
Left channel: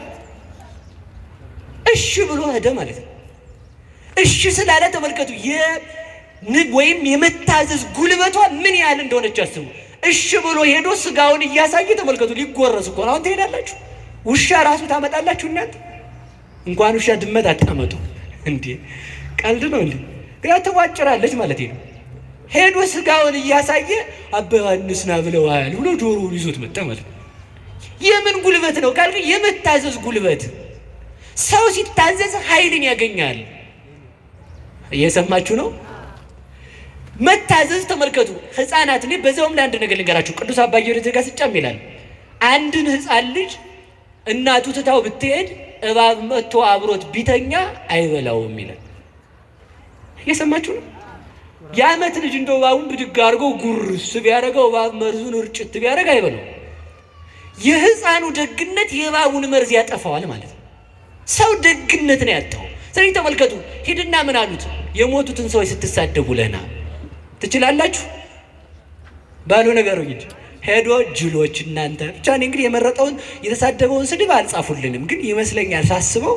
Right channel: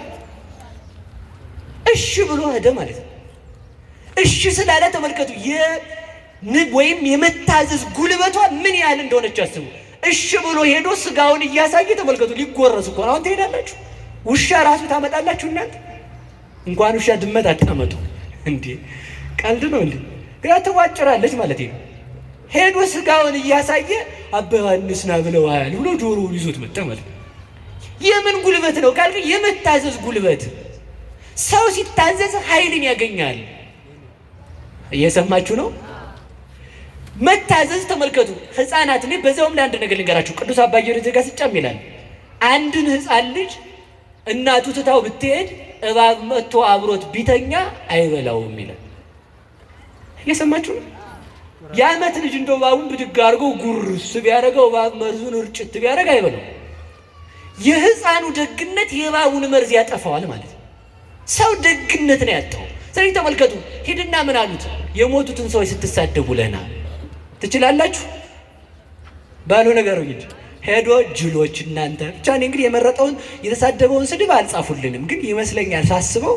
እሺ ብሎ ሄደ ማለት ነው። እሺ ስላለ ተመልከቱ ወይም የመታዘዝ ጉልበቷ ምን ያህል እንደሆነች አስቡ። እሺ ብሎ ሄዶ ስጋውን እያሳየ ተመልከቱ። ሊጎረስ እኮ አሁን ትሄዳላችሁ። ውሻ ራሱ ታመጣላችሁ እናንተ። እንኳን ውሻ ድመት አታመጡ እንዴ! ቀልድ ነው እንዴ? ግራ ተዋጭራለች ማለት ነው። ሄዶ ስጋውን እያሳየ አባ ዮሐንስ ና ብለዋል ብሎ ጆሮውን ይዞት መጣ ማለት ነው። የምን ጉልበት ነው ካልከ የመታዘዝ ጉልበት። ሰው ሲታዘዝ ኃይልን ያገኛል። እየሰማችሁ ነው? መታዘዝ ተመልከቱ። ህፃናት እኔ በዛውም ለአንድ ነገር ልንገራችሁ። ቅዱስ አባ ጊዮርጊስ ዘጋስጫም ይላል አንድን ህፃን ልጅ እናቱ ትታው ብትሄድ እባብ መጥቶ አብሮት ቢተኛ አይበላውም ይላል። እየሰማችሁ ነው? የዓመት ልጅ እንደው እባቡን ብድግ አድርጎ ጉርስ ቢያደርገው እባብ መርዙን እርጭት ቢያደርግ አይበላው። የህፃኑ ደግነት የእባቡን መርዝ ያጠፋዋል ማለት ነው። ሰው ደግነት ነው ያጣው። ስለዚህ ተመልከቱ። ሂድና ምን አሉት? የሞቱትን ሰዎች ስትሳደቡ ለና ትችላላችሁ ባሉ ነገር እንጂ ሄዶ ጅሎች እናንተ ብቻ። እኔ እንግዲህ የመረጠውን የተሳደበውን ስድብ አልጻፉልንም፣ ግን ይመስለኛል ሳስበው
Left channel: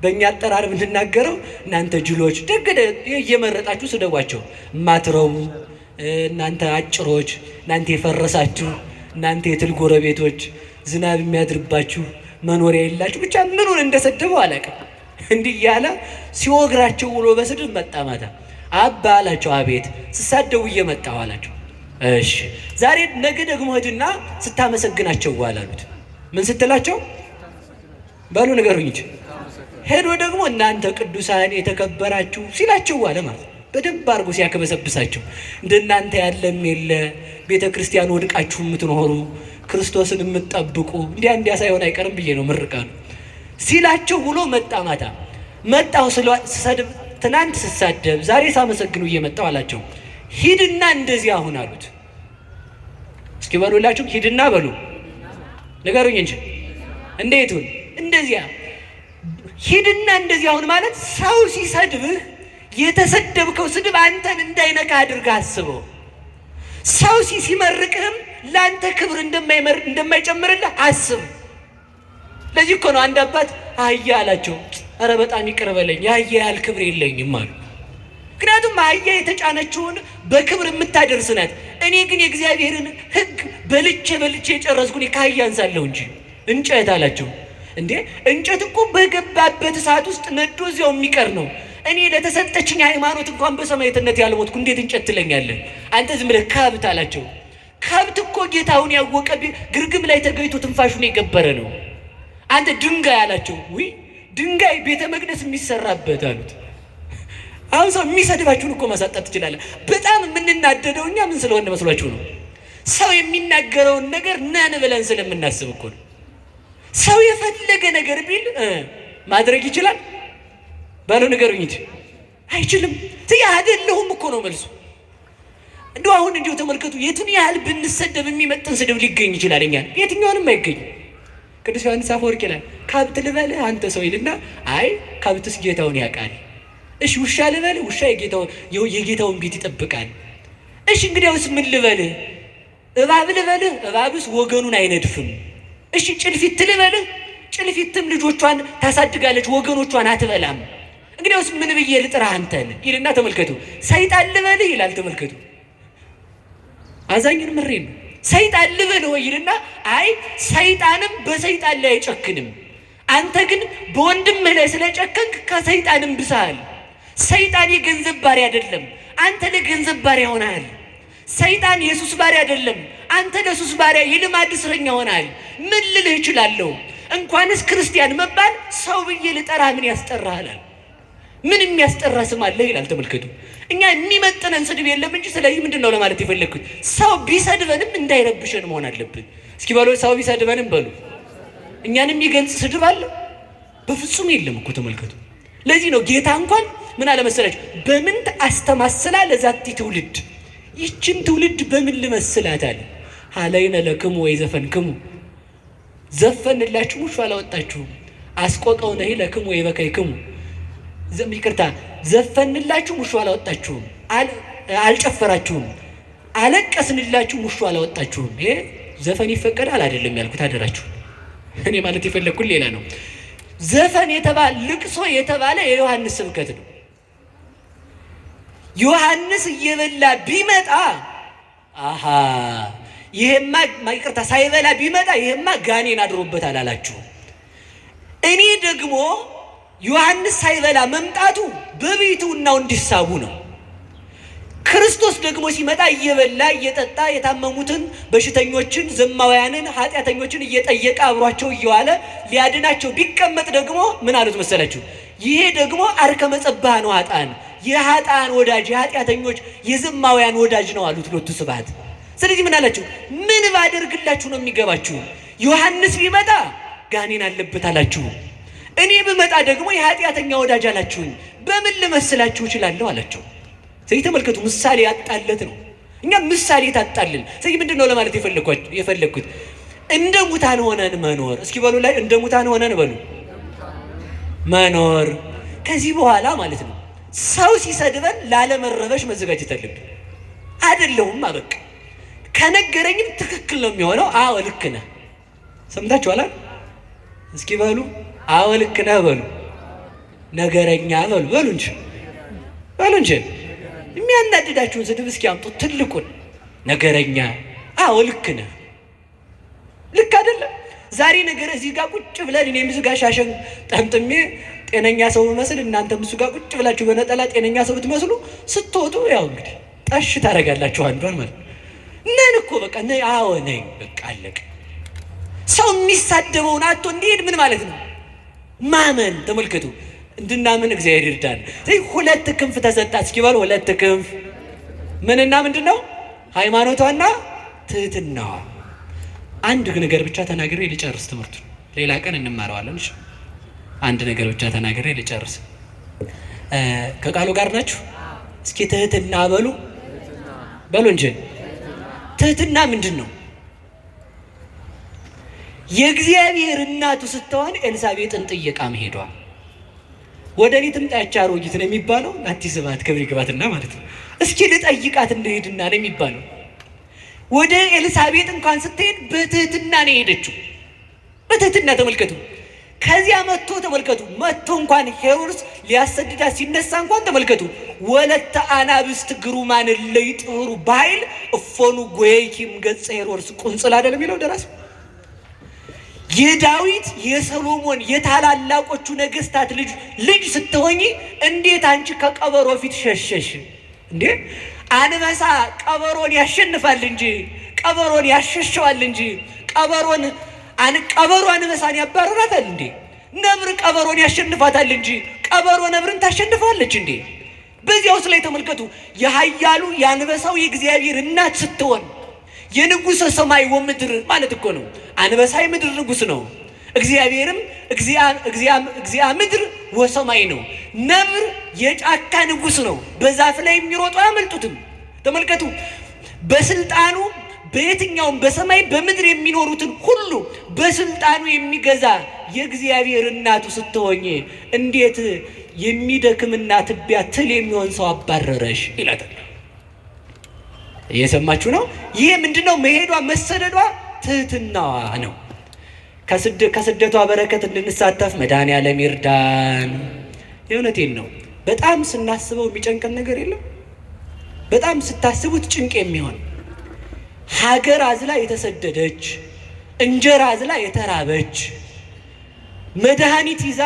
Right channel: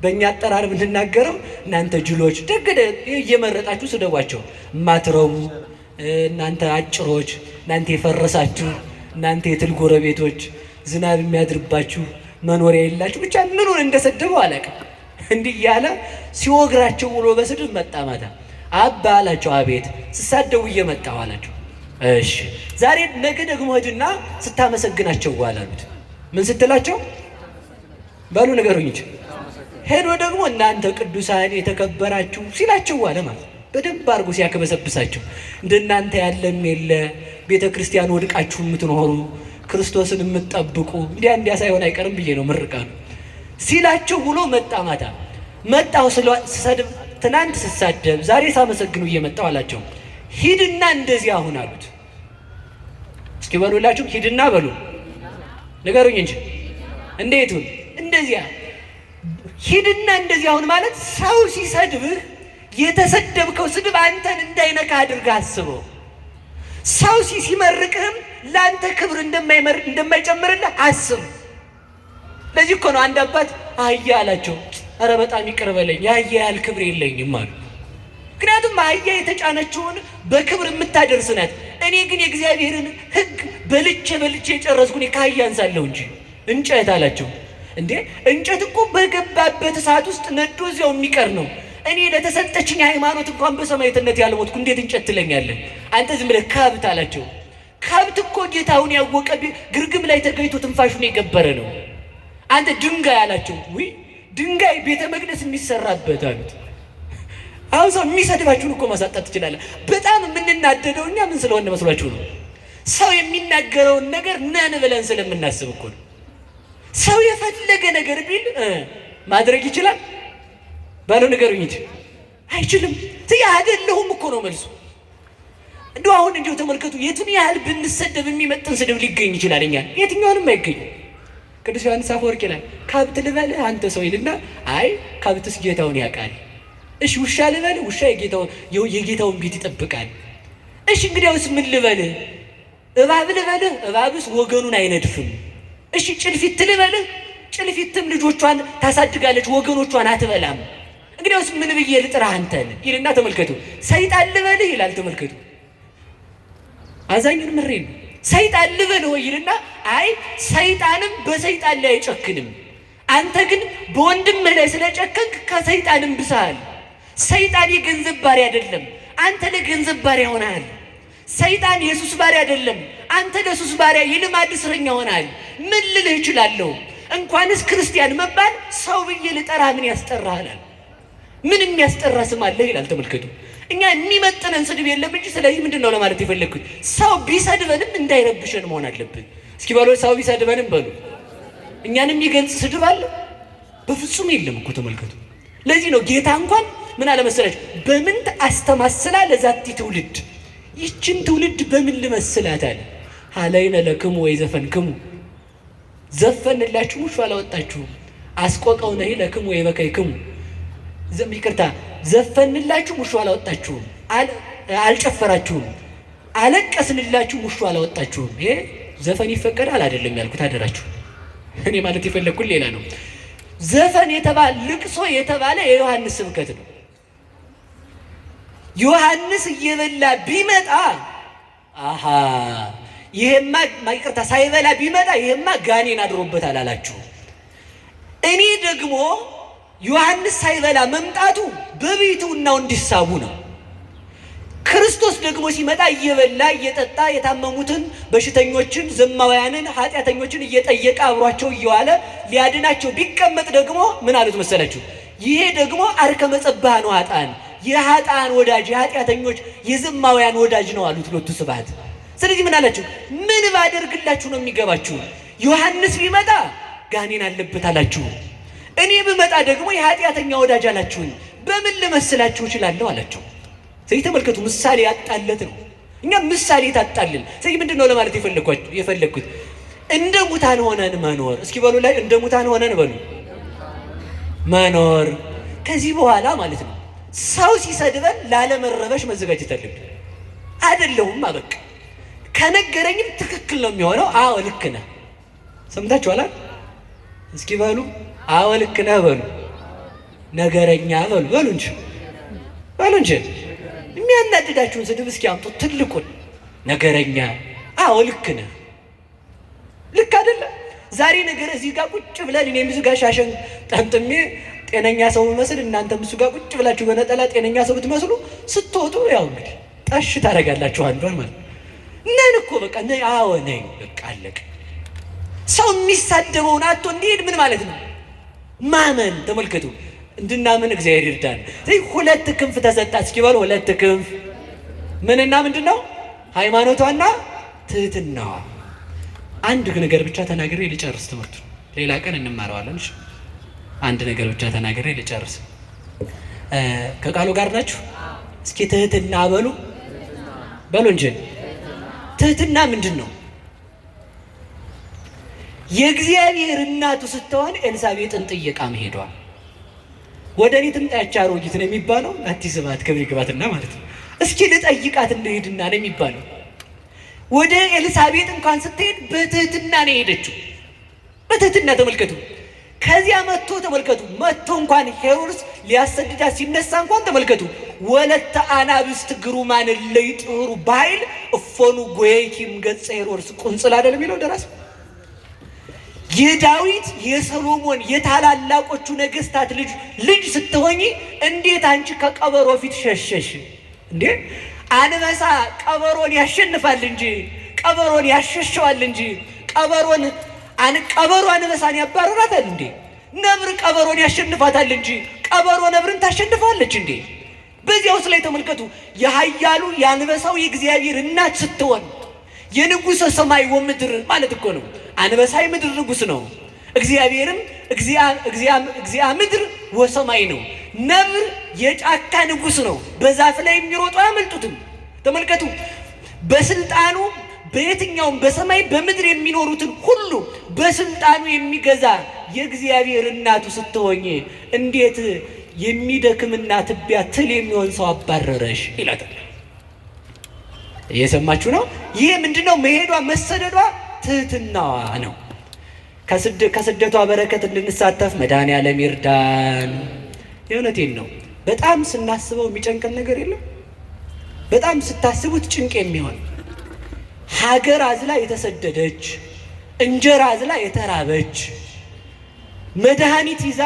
በእኛ አጠራር የምንናገረው እናንተ ጅሎች ደግደ እየመረጣችሁ ስደቧቸው። ማትረቡ እናንተ አጭሮች፣ እናንተ የፈረሳችሁ፣ እናንተ የትል ጎረቤቶች፣ ዝናብ የሚያድርባችሁ መኖሪያ የላችሁ፣ ብቻ ምኑን እንደሰደቡ አላውቅም። እንዲህ እያለ ሲወግራቸው ውሎ በስድብ መጣ ማታ። አባ አላቸው። አቤት። ስሳደቡ እየመጣሁ አላቸው። እሺ ዛሬ ነገ ደግሞ ሂድና ስታመሰግናቸው አላሉት። ምን ስትላቸው ባሉ ነገሩኝ እንጂ ሄዶ ደግሞ እናንተ ቅዱሳን የተከበራችሁ ሲላቸው ዋለ ማለት በደንብ አድርጎ ሲያከበሰብሳቸው እንደናንተ ያለም የለ ቤተ ክርስቲያን ወድቃችሁ የምትኖሩ ክርስቶስን የምትጠብቁ እንዲያ ሳይሆን አይቀርም ብዬ ነው ምርቃሉ ሲላቸው ብሎ መጣ ማታ። መጣው ስሰድብ ትናንት ስሳደብ ዛሬ ሳመሰግኑ እየመጣው አላቸው። ሂድና እንደዚህ አሁን አሉት። እስኪ በሉላችሁ ሂድና በሉ ንገሩኝ እንጂ እንዴቱን እንደዚያ ሂድና እንደዚህ አሁን ማለት ሰው ሲሰድብህ የተሰደብከው ስድብ አንተን እንዳይነካ አድርገህ አስበው። ሰው ሲመርቅህም ለአንተ ክብር እንደማይጨምርልህ አስብ። ለዚህ እኮ ነው አንድ አባት አህያ አላቸው። ኧረ በጣም ይቅር በለኝ የአህያ ያህል ክብር የለኝም አሉ። ምክንያቱም አህያ የተጫነችውን በክብር የምታደርስ ናት። እኔ ግን የእግዚአብሔርን ሕግ በልቼ የጨረስኩ ከአህያ አንሳለሁ እንጂ እንጨት አላቸው። እንዴ እንጨት እኮ በገባበት እሳት ውስጥ ነዶ እዚያው የሚቀር ነው። እኔ ለተሰጠችኝ ሃይማኖት እንኳን በሰማዕትነት ያልሞትኩ እንዴት እንጨት ትለኛለህ? አንተ ዝም ብለህ ከብት አላቸው። ከብት እኮ ጌታውን ያወቀ ግርግም ላይ ተገኝቶ ትንፋሹን የገበረ ነው። አንተ ድንጋይ አላቸው። ውይ ድንጋይ ቤተ መቅደስ የሚሰራበት አሉት። አሁን ሰው የሚሰድባችሁን እኮ ማሳጣት ትችላለህ። በጣም የምንናደደው እኛ ምን ስለሆነ መስሏችሁ ነው? ሰው የሚናገረውን ነገር ነን ብለን ስለምናስብ እኮ ነው። ሰው የፈለገ ነገር ቢል ማድረግ ይችላል ባለው ነገሩኝ እንጂ አይችልም። አይደለሁም እኮ ነው መልሱ። እንደው አሁን እንዲሁ ተመልከቱ። የቱን ያህል ብንሰደብ የሚመጥን ስድብ ሊገኝ ይችላል? እኛ የትኛውንም አይገኝም። ቅዱስ ዮሐንስ አፈወርቅ ይላል ከብት ልበልህ አንተ ሰው ይልና አይ ከብትስ ጌታውን ያውቃል። እሺ ውሻ ልበልህ ውሻ የጌታውን ቤት ይጠብቃል። እሺ እንግዲያውስ ምን ልበልህ? እባብ ልበልህ እባብስ ወገኑን አይነድፍም። እሺ ጭልፊት ልበልህ ጭልፊትም ልጆቿን ታሳድጋለች ወገኖቿን አትበላም። እንግዲያውስ ምን ብዬ ልጥራህ አንተን ይልና ተመልከቱ። ሰይጣን ልበልህ ይላል ተመልከቱ። አዛኝን ምሬን ሰይጣን ልበልህ ይልና አይ ሰይጣንም በሰይጣን ላይ አይጨክንም። አንተ ግን በወንድምህ ላይ ስለጨከንክ ከሰይጣንም ብሰሃል። ሰይጣን የገንዘብ ባሪያ አይደለም፣ አንተ ለገንዘብ ባሪያ ሆነሃል። ሰይጣን የሱስ ባሪያ አይደለም፣ አንተ ለሱስ ባሪያ የልማድ እስረኛ ሆነሃል። ምን ልልህ እችላለሁ? እንኳንስ ክርስቲያን መባል ሰው ብዬ ልጠራ ምን ያስጠራሃል? ምን የሚያስጠራ ስም አለ ይላል ተመልከቱ። እኛ የሚመጥነን ስድብ የለም እንጂ ስለዚህ ምንድነው ለማለት የፈለግኩት ሰው ቢሰድበንም እንዳይረብሸን መሆን አለብን። እስኪ በሉ ሰው ቢሰድበንም በሉ እኛንም የሚገልጽ ስድብ አለ? በፍጹም የለም እኮ ተመልከቱ። ለዚህ ነው ጌታ እንኳን ምን አለ መሰላችሁ? በምን አስተማስላ ለዛቲ ትውልድ፣ ይችን ትውልድ በምን ልመስላት አለ። ሀለይነ ለክሙ ወይ ዘፈንክሙ፣ ዘፈንላችሁ ሙሾ አላወጣችሁም። አስቆቀው ነሂ ለክሙ ወይ በከይክሙ፣ ይቅርታ ዘፈንላችሁ ሙሾ አላወጣችሁም፣ አልጨፈራችሁም። አለቀስንላችሁ ሙሾ አላወጣችሁም። ይሄ ዘፈን ይፈቀዳል አይደለም ያልኩት አደራችሁ። እኔ ማለት የፈለግኩት ሌላ ነው። ዘፈን የተባለ ልቅሶ የተባለ የዮሐንስ ስብከት ነው። ዮሐንስ እየበላ ቢመጣ አሃ ይሄማ ይቅርታ ሳይበላ ቢመጣ ይሄማ ጋኔን አድሮበታል አላችሁ። እኔ ደግሞ ዮሐንስ ሳይበላ መምጣቱ በቤቱናው እንዲሳቡ ነው። ክርስቶስ ደግሞ ሲመጣ እየበላ እየጠጣ የታመሙትን በሽተኞችን ዘማውያንን ኃጢአተኞችን እየጠየቀ አብሯቸው እየዋለ ሊያድናቸው ቢቀመጥ ደግሞ ምን አሉት መሰላችሁ? ይሄ ደግሞ አርከመ ጸባህ ነው፣ ኃጥአን የኃጥአን ወዳጅ የኃጢአተኞች የዘማውያን ወዳጅ ነው አሉት ሎቱ ስብሐት። ስለዚህ ምን አላችሁ? ምን ባደርግላችሁ ነው የሚገባችሁ? ዮሐንስ ቢመጣ ጋኔን አለበት አላችሁ፣ እኔ ብመጣ ደግሞ የኃጢአተኛ ወዳጅ አላችሁኝ። በምን ልመስላችሁ እችላለሁ አላቸው። ስለዚህ ተመልከቱ፣ ምሳሌ ያጣለት ነው። እኛ ምሳሌ ታጣልን። ስለዚህ ምንድን ነው ለማለት የፈለግኩት? እንደ ሙታን ሆነን መኖር። እስኪ በሉ ላይ እንደ ሙታን ሆነን በሉ መኖር። ከዚህ በኋላ ማለት ነው ሰው ሲሰድበን ላለመረበሽ መዘጋጀት አለብን። አይደለሁም አበቃ ከነገረኝም ትክክል ነው የሚሆነው። አዎ ልክ ነህ። ሰምታችኋል? እስኪ በሉ አዎ ልክ ነህ በሉ። ነገረኛ በሉ እንጂ የሚያናድዳችሁን ስድብ እስኪ አምጡ። ትልቁን ነገረኛ። አዎ ልክ ነህ። ልክ አይደለም? ዛሬ ነገር እዚህ ጋር ቁጭ ብለን እኔም እዚህ ጋር ሻሸን ጠምጥሜ ጤነኛ ሰው መስል እናንተም እሱ ጋር ቁጭ ብላችሁ በነጠላ ጤነኛ ሰው ብትመስሉ ስትወጡ ያው እንግዲህ ጠሽ ታደርጋላችሁ አንዷን ማለት ነን እኮ በቃ አዎ ነኝ በቃ አለቀ። ሰው የሚሳደበውን አቶ እንዲሄድ ምን ማለት ነው? ማመን። ተመልከቱ፣ እንድናምን እግዚአብሔር ይርዳን። ሁለት ክንፍ ተሰጣ። እስኪ በሉ ሁለት ክንፍ። ምንና ምንድን ነው? ሃይማኖቷና ትህትናዋ። አንድ ነገር ብቻ ተናግሬ ልጨርስ ትምህርቱ፣ ሌላ ቀን እንማረዋለን። እሺ አንድ ነገር ብቻ ተናግሬ ልጨርስ። ከቃሉ ጋር ናችሁ? እስኪ ትህትና በሉ እንጂ ትህትና ምንድን ነው? የእግዚአብሔር እናቱ ስትሆን ኤልሳቤጥን ጥየቃ መሄዷ። ወደ እኔ ትምጣ ያች አሮጊት ነው የሚባለው። አትስባት ክብር ይግባትና ማለት ነው። እስኪ ልጠይቃት እንደሄድና ነው የሚባለው። ወደ ኤልሳቤጥ እንኳን ስትሄድ በትህትና ነው የሄደችው። በትህትና ተመልከቱ። ከዚያ መጥቶ እንኳን ሄሮድስ ሊያሰድዳት ሲነሳ እንኳን ተመልከቱ። ወለተ አናብስት ግሩማን ለይጥሩ ባይል እፎኑ ጎይኪም ገጸ ሄሮድስ ቁንጽል አይደለም የሚለው ደራሲ። የዳዊት የሰሎሞን የታላላቆቹ ነገስታት ልጅ ስትሆኚ እንዴት አንቺ ከቀበሮ ፊት ሸሸሽ እንዴ? አንበሳ ቀበሮን ያሸንፋል እንጂ ቀበሮን ያሸሸዋል እንጂ ቀበሮ አንበሳን ያባረራታል እንዴ? ነብር ቀበሮን ያሸንፋታል እንጂ ቀበሮ ነብርን ታሸንፋለች እንዴ? በዚያውስ ላይ ተመልከቱ። የኃያሉ የአንበሳው የእግዚአብሔር እናት ስትሆን የንጉሠ ሰማይ ወምድር ማለት እኮ ነው። አንበሳ የምድር ንጉሥ ነው። እግዚአብሔርም እግዚአ ምድር ወሰማይ ነው። ነብር የጫካ ንጉሥ ነው። በዛፍ ላይ የሚሮጡ አያመልጡትም። ተመልከቱ። በስልጣኑ በየትኛውም በሰማይ በምድር የሚኖሩትን ሁሉ በስልጣኑ የሚገዛ የእግዚአብሔር እናቱ ስትሆኝ እንዴት የሚደክምና ትቢያ ትል የሚሆን ሰው አባረረሽ ይላታል። እየሰማችሁ ነው? ይሄ ምንድነው? መሄዷ መሰደዷ ትህትናዋ ነው። ከስደቷ በረከት እንድንሳተፍ መድኃኔዓለም ይርዳን። የእውነቴን ነው። በጣም ስናስበው የሚጨንቀን ነገር የለም። በጣም ስታስቡት ጭንቅ የሚሆን ሀገር አዝላ የተሰደደች፣ እንጀራ አዝላ የተራበች፣ መድኃኒት ይዛ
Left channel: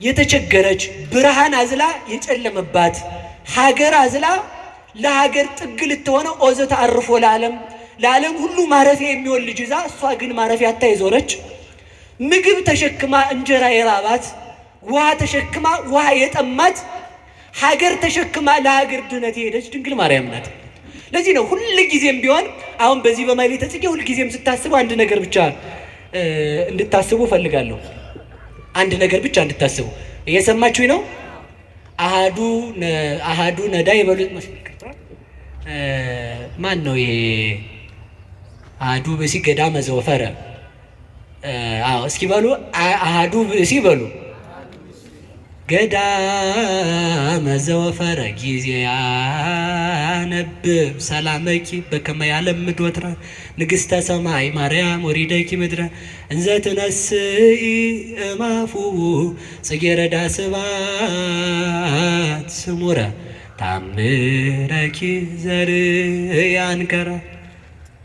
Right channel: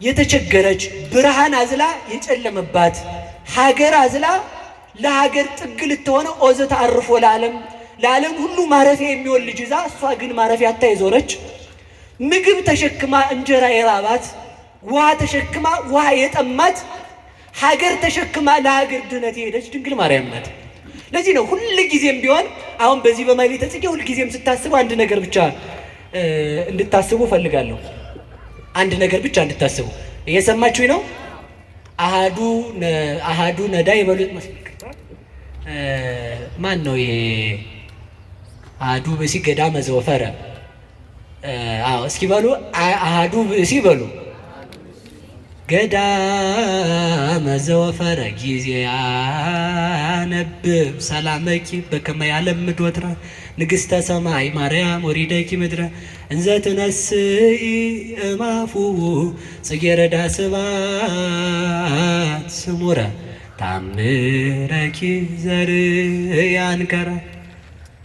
የተቸገረች፣ ብርሃን አዝላ የጨለመባት ሀገር አዝላ ለሀገር ጥግ ልትሆነ ኦዘት አርፎ ለዓለም ሁሉ ማረፊያ የሚሆን ልጅ ይዛ እሷ ግን ማረፊያ አታ የዞረች፣ ምግብ ተሸክማ እንጀራ የራባት፣ ውሃ ተሸክማ ውሃ የጠማት፣ ሀገር ተሸክማ ለሀገር ድነት የሄደች ድንግል ማርያም ናት። ለዚህ ነው ሁል ጊዜም ቢሆን አሁን በዚህ በማኅሌተ ጽጌ ሁል ጊዜም ስታስቡ አንድ ነገር ብቻ እንድታስቡ ፈልጋለሁ። አንድ ነገር ብቻ እንድታስቡ። እየሰማችሁኝ ነው? አሃዱ ነዳይ ይበሉት መስልክ ማን ነው ይሄ? አሃዱ ብእሲ ገዳመ ዘወፈረ። እስኪ በሉ አሃዱ ብእሲ በሉ ገዳመ ዘወፈረ ጊዜ ያነብብ ሰላመኪ በከመ ያለምድ ወትረ ንግሥተ ሰማይ ማርያም ወሪደኪ ምድረ እንዘ ትነስኢ እማፉ ጽጌረዳ ስብሐት ስሙረ ታምረኪ ዘርያንከረ።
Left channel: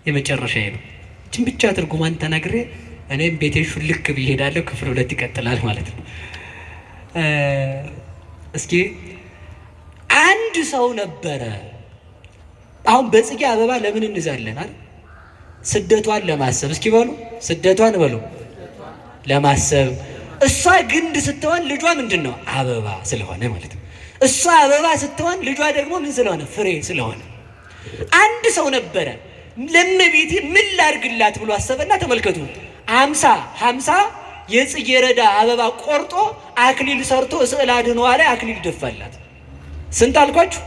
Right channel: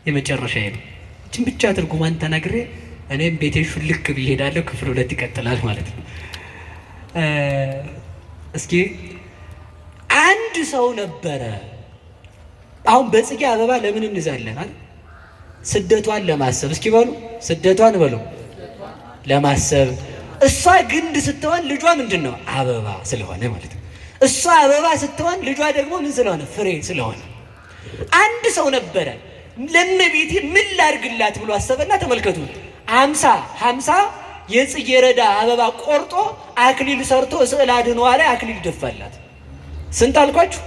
የመጨረሻ ነው። ይህችን ብቻ ትርጉማን ተናግሬ እኔም ቤቴ ሹልክ ብዬ እሄዳለሁ። ክፍል 2 ይቀጥላል ማለት ነው። እስኪ አንድ ሰው ነበረ። አሁን በጽጌ አበባ ለምን እንዛለን? ስደቷን ለማሰብ። እስኪ በሉ ስደቷን በሉ ለማሰብ። እሷ ግንድ ስትሆን ልጇ ምንድን ነው? አበባ ስለሆነ ማለት ነው። እሷ አበባ ስትሆን ልጇ ደግሞ ምን ስለሆነ? ፍሬ ስለሆነ። አንድ ሰው ነበረ። ለእመቤቴ ምን ላድርግላት ብሎ አሰበና ተመልከቱ፣ 50 የጽጌረዳ አበባ ቆርጦ አክሊል ሰርቶ ስዕል አድኅኖ ላይ አክሊል ደፋላት። ስንት አልኳችሁ?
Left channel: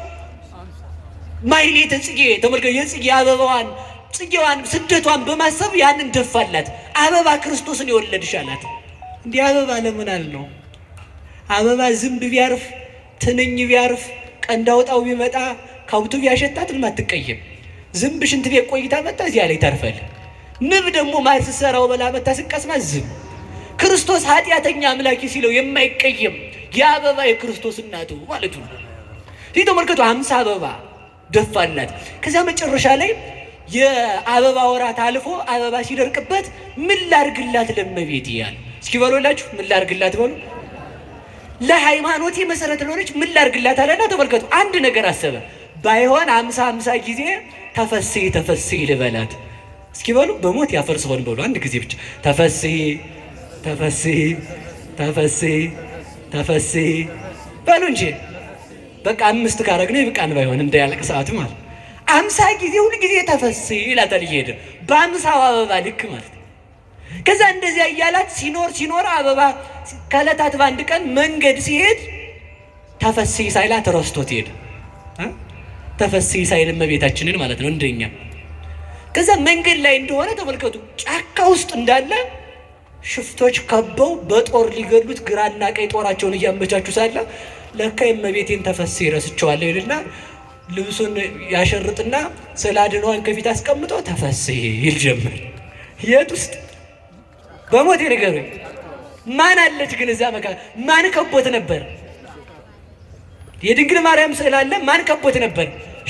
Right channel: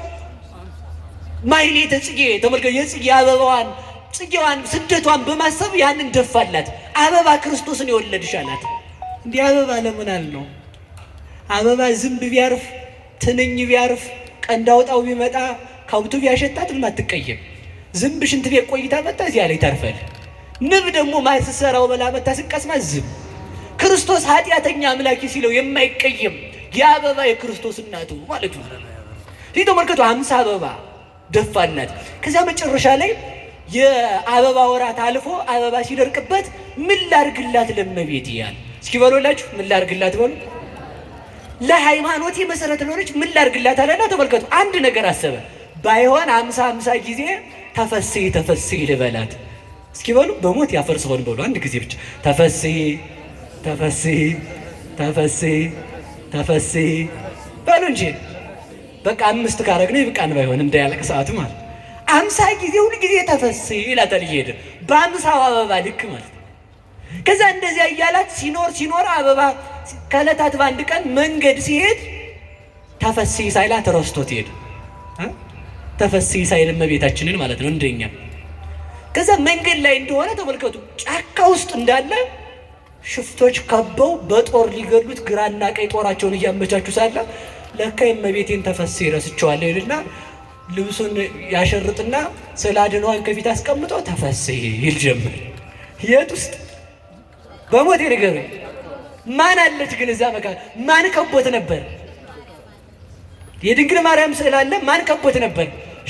ማሕሌተ ጽጌ ተመልከቱ። የጽጌ አበባዋን ጽጌዋን ስደቷን በማሰብ ያንን ደፋላት። አበባ ክርስቶስን የወለድሽ አላት። እንዲህ አበባ ለምን አልነው? አበባ ዝንብ ቢያርፍ ትንኝ ቢያርፍ ቀንድ አውጣው ቢመጣ ከብቱ ቢያሸታት አትቀየም። ዝንብ ሽንት ቤት ቆይታ መጣ እዚያ ላይ ታርፋል። ንብ ደግሞ ማትሰራው በላ መታ ስቀስማ ዝም። ክርስቶስ ኃጢአተኛ አምላኪ ሲለው የማይቀየም የአበባ የክርስቶስ እናቱ ማለት ነው። ይህ ተመልከቱ፣ 50 አበባ ደፋላት። ከዚያ መጨረሻ ላይ የአበባ ወራት አልፎ አበባ ሲደርቅበት ምን ላድርግላት ለእመቤቴ ያለ። እስኪ በሉላችሁ ምን ላድርግላት በሉ። ለሃይማኖቴ መሰረት ለሆነች ምን ላድርግላት አለና ተመልከቱ፣ አንድ ነገር አሰበ። ባይሆን 50 ጊዜ ተፈሥሒ ተፈሥሒ ልበላት። እስኪ በሉ በሞት ያፈርሰውን በሉ አንድ ጊዜ ብቻ ተፈሥሒ ተፈሥሒ ተፈሥሒ ተፈሥሒ በሉ እንጂ በቃ 5 ካረግነው ይብቃን። ባይሆን እንዳያለቅ ሰዓቱ ማለት 50 ጊዜ ሁሉ ጊዜ ተፈሥሒ ይላታል እየሄደ በ50 አበባ ልክ ማለት ነው። ከዛ እንደዚያ እያላት ሲኖር አበባ ከዕለታት በአንድ ቀን መንገድ ሲሄድ ተፈሥሒ ሳይላት ረስቶት ሄደ። ተፈሥሒ ሳይል እመቤታችንን ማለት ነው እንደኛ። ከዛ መንገድ ላይ እንደሆነ ተመልከቱ፣ ጫካ ውስጥ እንዳለ ሽፍቶች ከበው በጦር ሊገሉት ግራና ቀኝ ጦራቸውን እያመቻቹ ሳለ ለካ እመቤቴን ተፈሥሒ ረስቸዋለሁ ይልና ልብሱን ያሸርጥና ስዕለ አድኅኖዋን ከፊት አስቀምጦ ተፈሥሒ ይል ጀመር። የት ውስጥ? በሞት ንገሩኝ። ማን አለች ግን እዛ መካ? ማን ከቦት ነበር? የድንግል ማርያም ስዕል አለ። ማን ከቦት ነበር?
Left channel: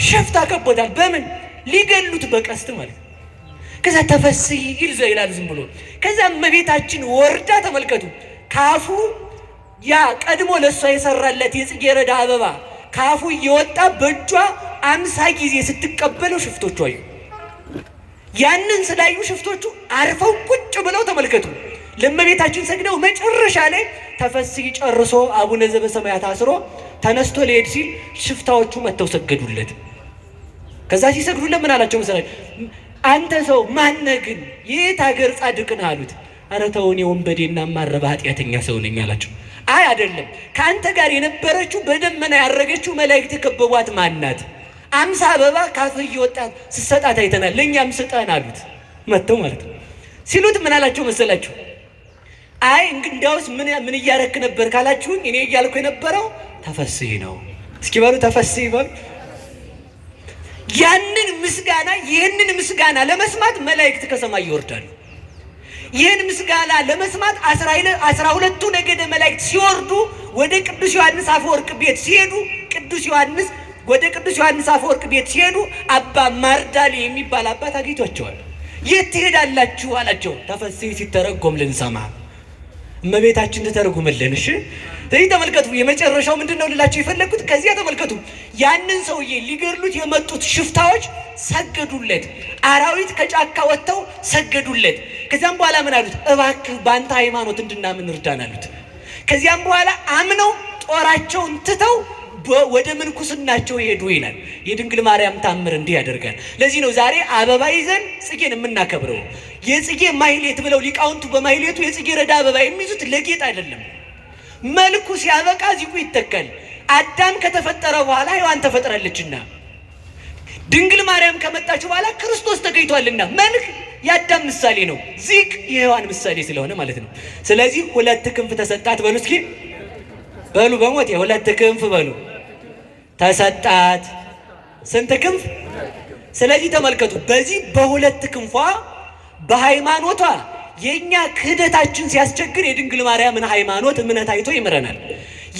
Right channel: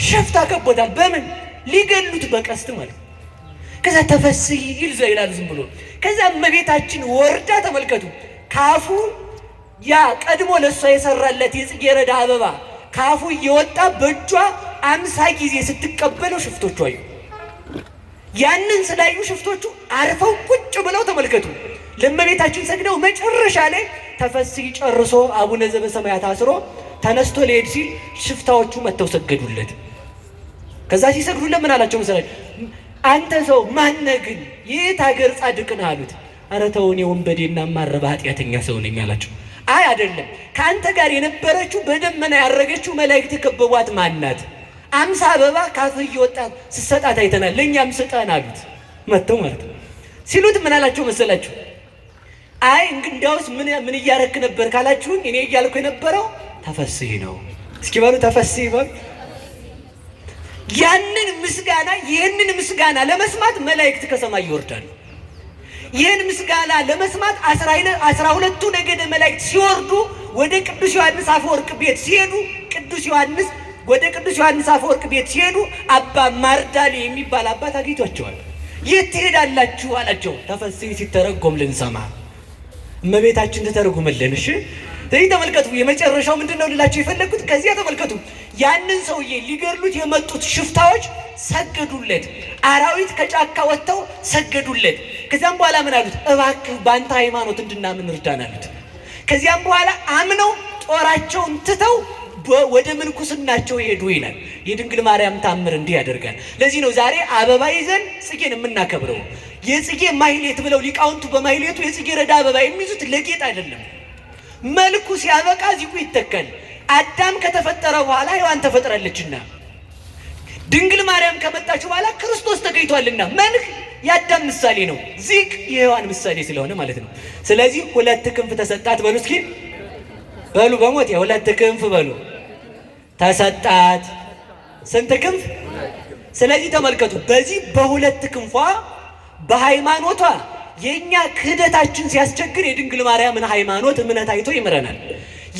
ሸፍታ ከቦታል። በምን ሊገሉት? በቀስት ማለት። ከዛ ተፈሥሒ ይል ይላል ዝም ብሎ። ከዛ እመቤታችን ወርዳ ተመልከቱ፣ ካፉ ያ ቀድሞ ለሷ የሰራለት የጽጌረዳ አበባ ካፉ እየወጣ በእጇ 50 ጊዜ ስትቀበለው ሽፍቶቹ አዩ። ያንን ስላዩ ሽፍቶቹ አርፈው ቁጭ ብለው ተመልከቱ፣ ለእመቤታችን ሰግደው መጨረሻ ላይ ተፈሥሒ ጨርሶ አቡነ ዘበሰማያት አስሮ ተነስቶ ሊሄድ ሲል ሽፍታዎቹ መጥተው ሰገዱለት። ከዛ ሲሰግዱለት ምን አላቸው መሰለኝ? አንተ ሰው ማነህ ግን? የት ሀገር ጻድቅ ነህ አሉት። ኧረ ተው እኔ ወንበዴና ማረባ ኃጢአተኛ ሰው ነኝ አላቸው። አይ አይደለም፣ ከአንተ ጋር የነበረችው በደመና ያረገችው መላእክት የከበቧት ማናት? 50 አበባ ካፍህ እየወጣ ስትሰጣት አይተናል፣ ለእኛም ስጠን አሉት። መጥተው ማለት ነው። ሲሉት ምን አላቸው መሰላችሁ? አይ እንግዲያውስ ምን እያረክ ነበር ካላችሁኝ እኔ እያልኩ የነበረው ተፈሥሒ ነው። እስኪ በሉ ተፈሥሒ በሉ። ያንን ምስጋና ይህንን ምስጋና ለመስማት መላእክት ከሰማይ ይወርዳሉ። ይህን ምስጋና ለመስማት 12ቱ ነገደ መላእክት ሲወርዱ ወደ ቅዱስ ዮሐንስ አፈወርቅ ቤት ሲሄዱ ወደ ቅዱስ ዮሐንስ አፈወርቅ ቤት ሲሄዱ አባ ማርዳሊ የሚባል አባት አግኝቷቸዋል። የት ትሄዳላችሁ አላቸው። ተፈሥሒ ሲተረጎም ልንሰማ እመቤታችን ትተርጉምልን። እሺ ስለዚህ ተመልከቱ፣ የመጨረሻው ምንድን ነው ልላቸው የፈለግኩት? ከዚያ ተመልከቱ፣ ያንን ሰውዬ ሊገድሉት የመጡት ሽፍታዎች ሰገዱለት። አራዊት ከጫካ ወጥተው ሰገዱለት። ከዚያም በኋላ ምን አሉት? እባክህ በአንተ ሃይማኖት እንድናምን እርዳን አሉት። ከዚያም በኋላ አምነው ጦራቸውን ትተው ወደ ምንኩስናቸው ሄዱ ይላል። የድንግል ማርያም ታምር እንዲህ ያደርጋል። ለዚህ ነው ዛሬ አበባ ይዘን ጽጌን የምናከብረው። የጽጌ ማሕሌት ብለው ሊቃውንቱ በማሕሌቱ የጽጌረዳ አበባ የሚይዙት ለጌጥ አይደለም። መልኩ ሲያበቃ ዚቁ ይተካል። አዳም ከተፈጠረ በኋላ ሔዋን ተፈጥራለችና፣ ድንግል ማርያም ከመጣች በኋላ ክርስቶስ ተገኝቷልና መልክ የአዳም ምሳሌ ነው፣ ዚቅ የሔዋን ምሳሌ ስለሆነ ማለት ነው። ስለዚህ 2 ክንፍ ተሰጣት በሉ እስኪ። በሉ በሞት የሁለት ክንፍ በሉ ተሰጣት። ስንት ክንፍ? ስለዚህ ተመልከቱ፣ በዚህ በሁለት ክንፏ በሃይማኖቷ የኛ ክህደታችን ሲያስቸግር የድንግል ማርያምን ሃይማኖት እምነት አይቶ ይምረናል።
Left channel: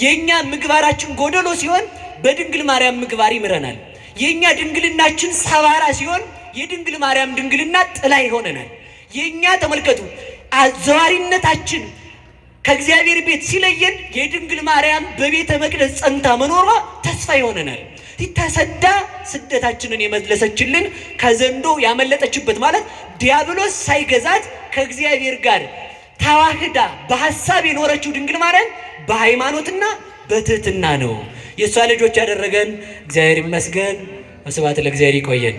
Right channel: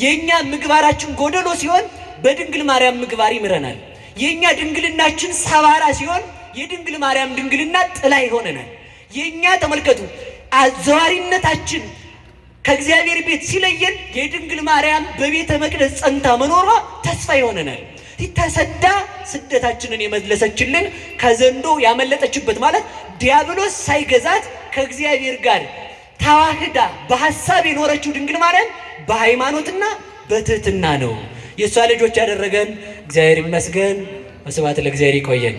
የኛ ምግባራችን ጎደሎ ሲሆን በድንግል ማርያም ምግባር ይምረናል። የኛ ድንግልናችን ሰባራ ሲሆን የድንግል ማርያም ድንግልና ጥላ ይሆነናል። የኛ ተመልከቱ አዘዋሪነታችን ከእግዚአብሔር ቤት ሲለየን የድንግል ማርያም በቤተ መቅደስ ጸንታ መኖሯ ተስፋ ይሆነናል። ተሰዳ ስደታችንን የመለሰችልን ከዘንዶ ያመለጠችበት ማለት ዲያብሎስ ሳይገዛት ከእግዚአብሔር ጋር ተዋህዳ በሐሳብ የኖረችው ድንግል ማርያም በሃይማኖትና በትህትና ነው። የእሷ ልጆች ያደረገን እግዚአብሔር ይመስገን። ወስብሐት ለእግዚአብሔር። ይቆየን።